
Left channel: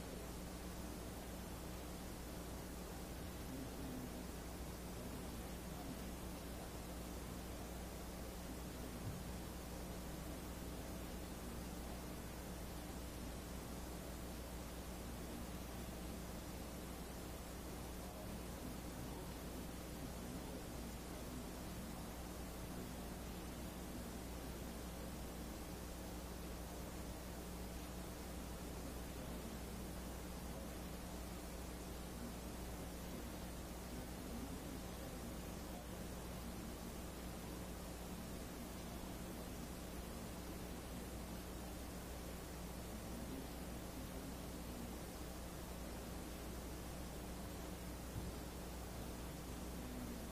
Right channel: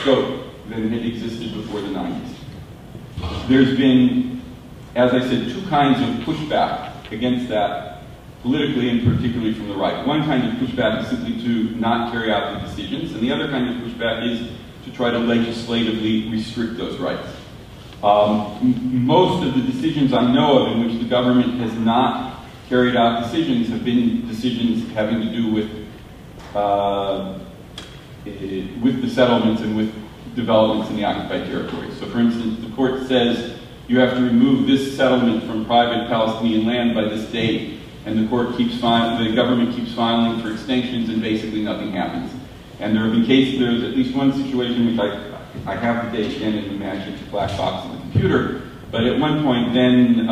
scope than had existed before the 90s. There's been, as I said, two kinds of pushback against that, politically and particularly from the right. One kind of pushback is simply to not carry out the decisions, and the other kind of pushback is to try to legislatively restrict those rights. Most of the decisions I know of in which the government has not carried out decisions have been decisions having to do with the settlements and with developments in the occupied territories. So for instance, the court says you have to remove this settlement from private Palestinian land by this date, and the government keeps filing for extensions, and basically nothing happens. And there have been cases, there's at least one situation which I have the date again in the magic black box on the computer, but at one point then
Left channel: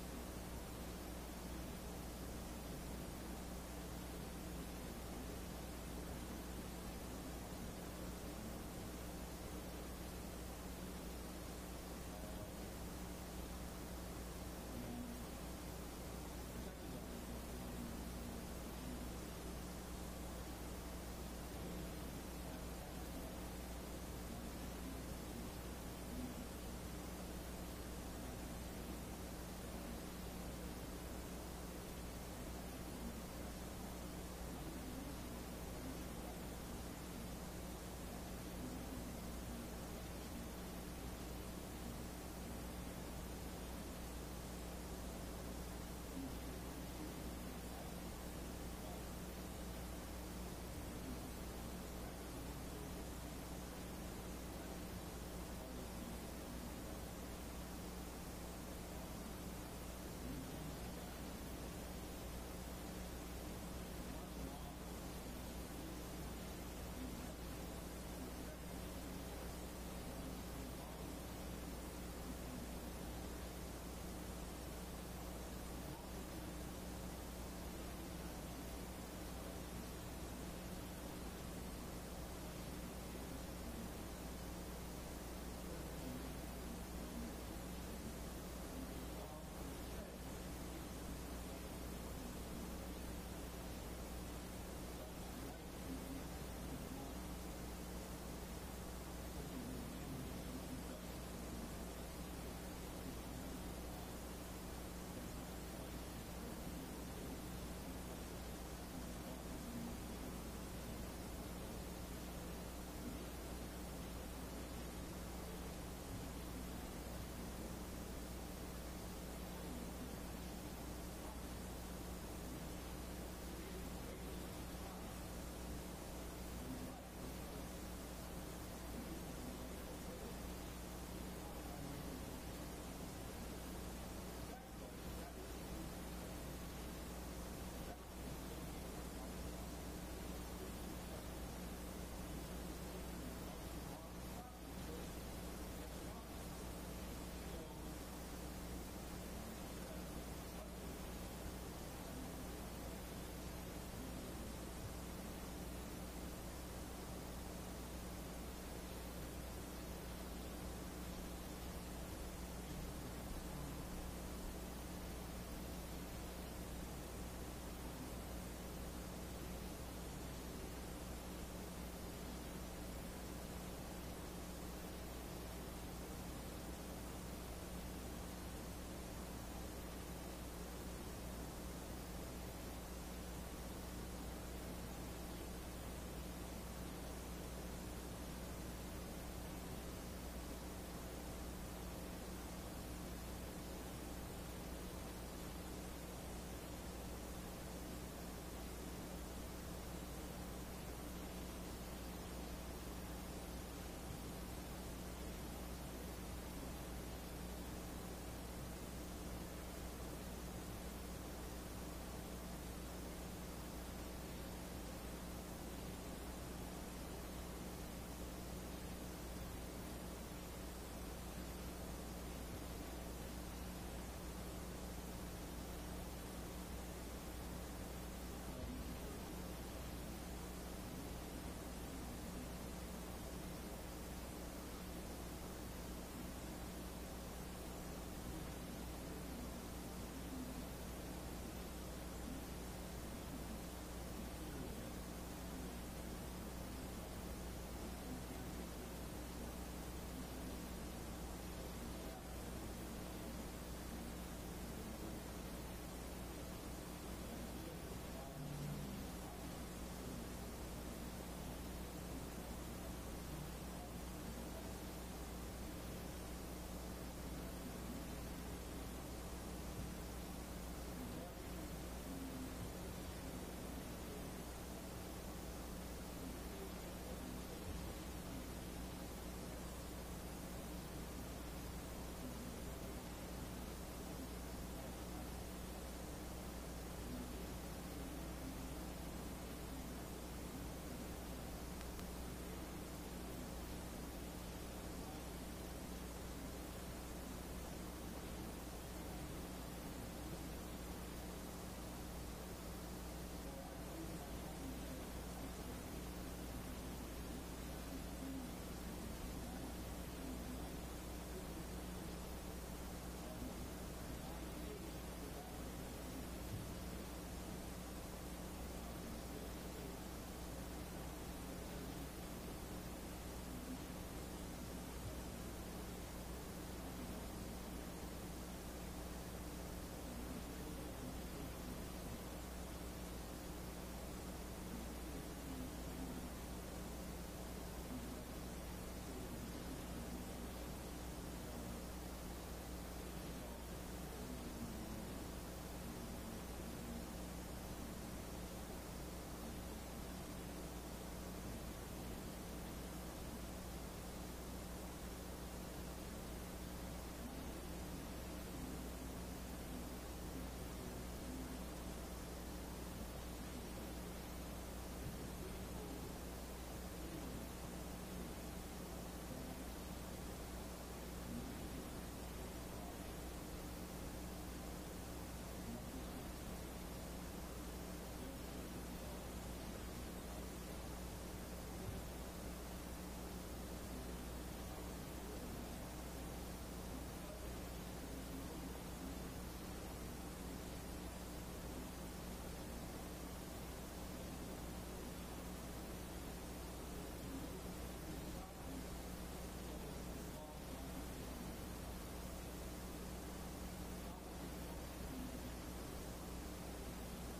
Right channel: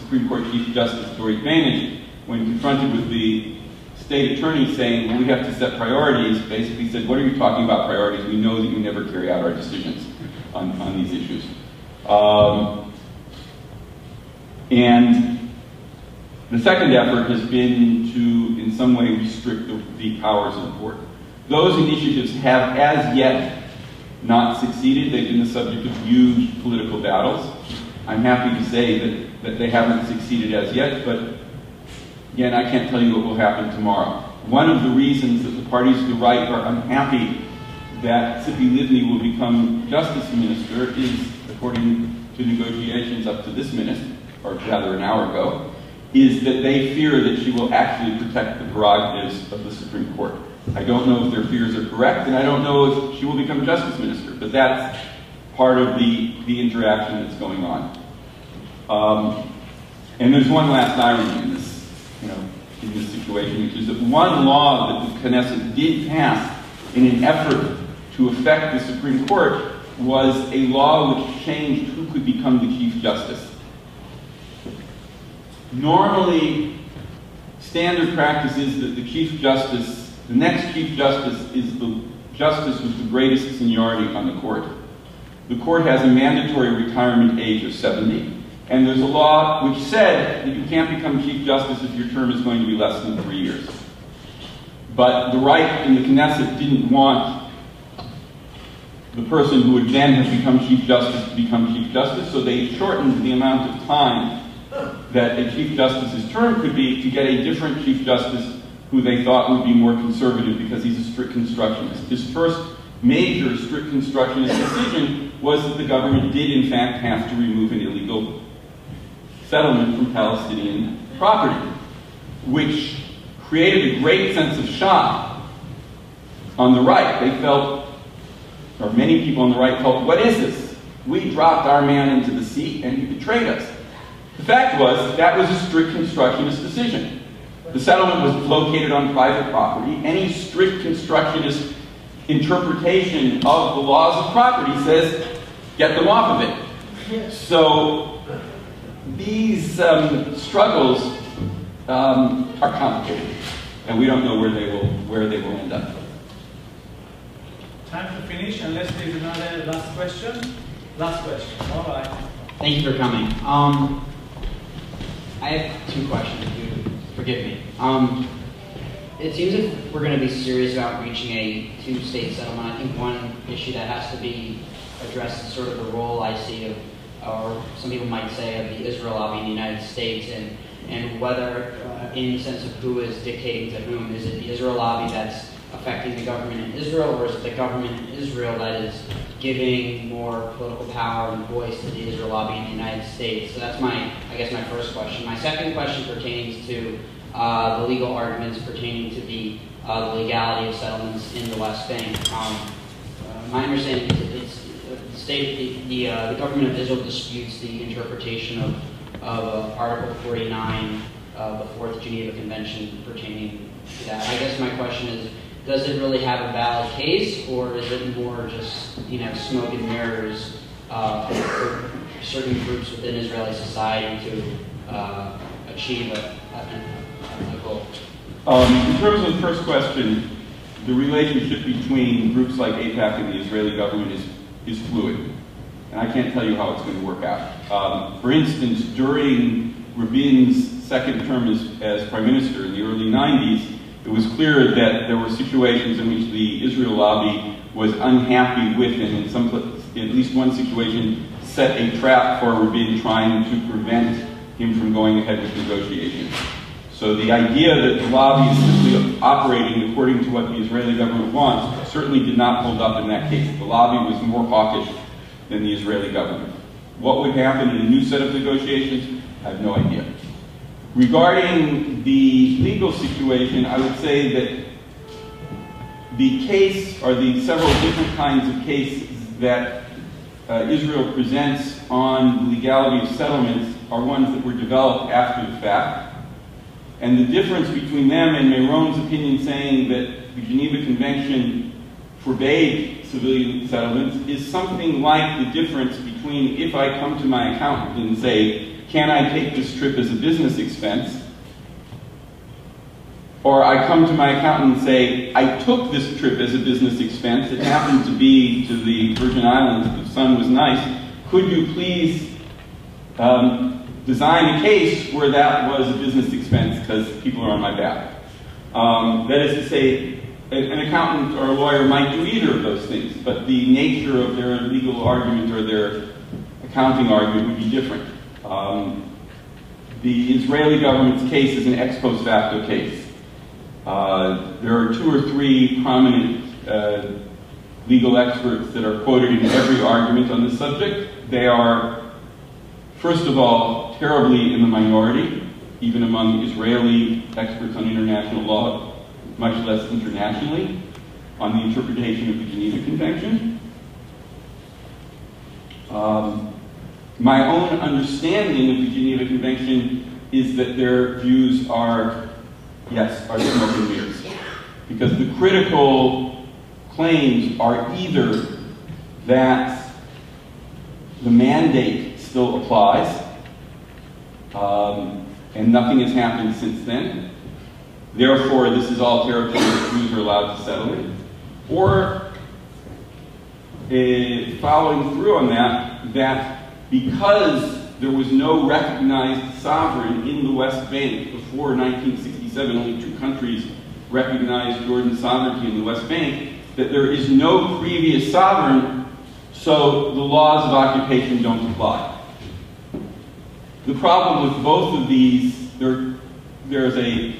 Supreme Court Chief Justice Dory Vantage, when confronted with the state attorney saying, well, we have to set priorities, basically said, what are you talking about priorities? We know that you never carry out our decisions on these issues. And the second effort has been to, in some way, restrict the powers of the court. Those initiatives have, as yet, not succeeded. They've been the subject of huge political battles. I'm happy to say that they haven't succeeded as yet, but again, I can't tell you what will happen tomorrow. One of the reasons that the parties to the right are unhappy that Tzipi Livni will become justice minister is, according to negotiations up to this minute, or rather an hour ago, is that they fear that she will actually protect the prerogatives of the Supreme Court. I don't know if their fears are correct, and I don't know if she will become justice minister, but that's part of the interaction that's going on. And there's one last irony in this, in this situation, which is that one law that the Knesset did pass in an effort to affect the Supreme Court was a law which changed who could become the Chief Justice. Normally, standard practice is that the next Chief Justice is the justice with the greatest seniority on the court. The court has a mandatory retirement age of 70, and there's a law which said that you can't become Chief Justice if your term is going to be less than 3 years. But the right in the Knesset didn't want the person who would then have become Chief Justice to become Chief Justice, so they shortened the amount of time that a Chief Justice's term could be to get a different Chief Justice who they thought would be more conservative because he's a strict constructionist. His first major strict constructionist decision was that the government did in fact have to remove an illegal settlement from Palestinian property, which created a great sense of shock on the right. They felt, or many people on the right felt, what is this? We dropped our man into the seat and he betrayed us. The fact was that was a strict constructionist decision. The settlement was located on private property. Any strict constructionist interpretation of the laws of property says, get them off of it. So these struggles are complicated, and we don't know where they will end up. Time to finish, unless there's another last question. Last question. All right. Thank you for coming. I have two questions, if you would forgive me. It seems if we're going to be serious about reaching a two-state settlement, I think one issue that has to be addressed is sort of the role I see of, or some people might say, of the Israel lobby in the United States, and whether, in the sense of who is dictating to whom, is it the Israel lobby that's affecting the government in Israel, or is it the government in Israel that is giving more political power and voice to the Israel lobby in the United States? So that's I guess my first question. My second question pertains to the legal arguments pertaining to the legality of settlements in the West Bank. My understanding is the government of Israel disputes the interpretation of Article 49 of the Fourth Geneva Convention pertaining to that. I guess my question is, does it really have a valid case, or is it more just smoke and mirrors for certain groups within Israeli society to achieve a goal? In terms of the first question, the relationship between groups like AIPAC and the Israeli government is fluid, and I can't tell you how it's going to work out. For instance, during Rabin's second term as prime minister in the early 90s, it was clear that there were situations in which the Israel lobby was unhappy with, and in at least one situation, set a trap for Rabin, trying to prevent him from going ahead with negotiations. So the idea that the lobby is simply operating according to what the Israeli government wants certainly did not hold up in that case. The lobby was more hawkish than the Israeli government. What would happen in a new set of negotiations? I have no idea. Regarding the legal situation, I would say that the case, or the several different kinds of cases that Israel presents on the legality of settlements are ones that were developed after the fact. And the difference between them and Meron's opinion saying that the Geneva Convention forbade civilian settlements is something like the difference between if I come to my accountant and say, can I take this trip as a business expense? Or I come to my accountant and say, I took this trip as a business expense. It happened to be to the Virgin Islands. The sun was nice. Could you please design a case where that was a business expense because people are on my back? That is to say, an accountant or a lawyer might do either of those things, but the nature of their legal argument or their accounting argument would be different. The Israeli government's case is an ex post facto case. There are 2 or 3 prominent legal experts that are quoted in every argument on this subject. They are, first of all, terribly in the minority, even among Israeli experts on international law, much less internationally, on the interpretation of the Geneva Convention. My own understanding of the Geneva Convention is that their views are smoke and mirrors. Because the critical claims are either that the mandate still applies, and nothing has happened since then. Therefore, this is all territory that Jews are allowed to settle in. Or, following through on that because there was no recognized sovereign in the West Bank before 1967, only 2 countries recognized Jordan's sovereignty in the West Bank, that there is no previous sovereign, so the laws of occupation don't apply. The problem with both of these, there's a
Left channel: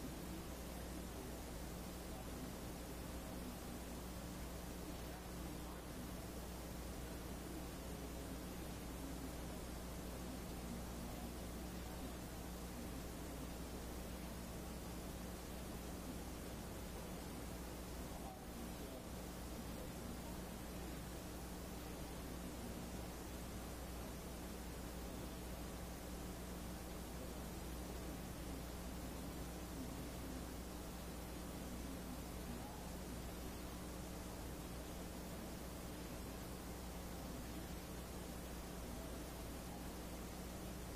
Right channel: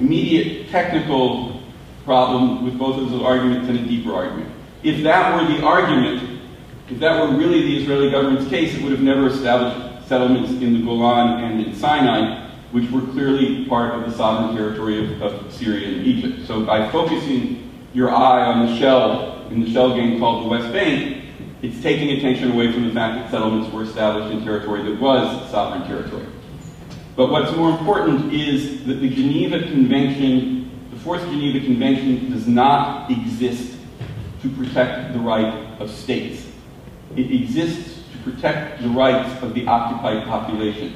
immediate technical problem with both of those arguments and a deeper argument. If that were the argument, if that were really the Israeli government's case, it would have never established settlements in the Golan and in Sinai, which were clearly part of the sovereign territory of Syria and Egypt. So by focusing your eye on the shell, in the shell game called the West Bank, it's taking attention away from the fact that settlements were established in territory that was sovereign territory. But what's more important is that the Geneva Convention, the Fourth Geneva Convention, does not exist to protect the right of states. It exists to protect the rights of the occupied population.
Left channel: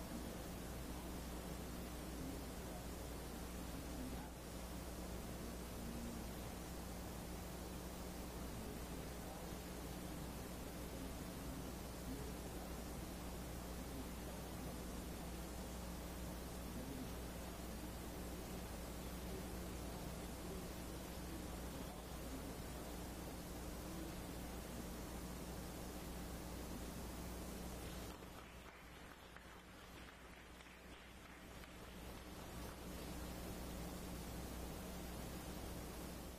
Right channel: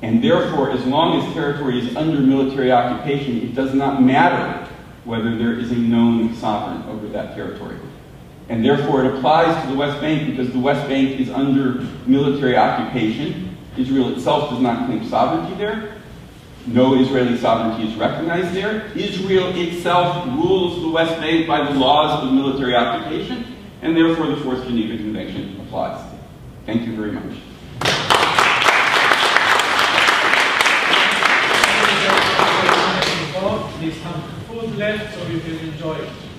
And therefore, as long as territory is under military occupation, it does not matter whether there is a known sovereign over that territory. And therefore, it applies to the West Bank because the West Bank is under military occupation. Israel itself does not claim sovereignty there. No Israeli sovereignty is recognized there. Israel itself rules the West Bank by the laws of military occupation, and therefore the Fourth Geneva Convention applies. Thank you very much. There's some food left, so enjoy it.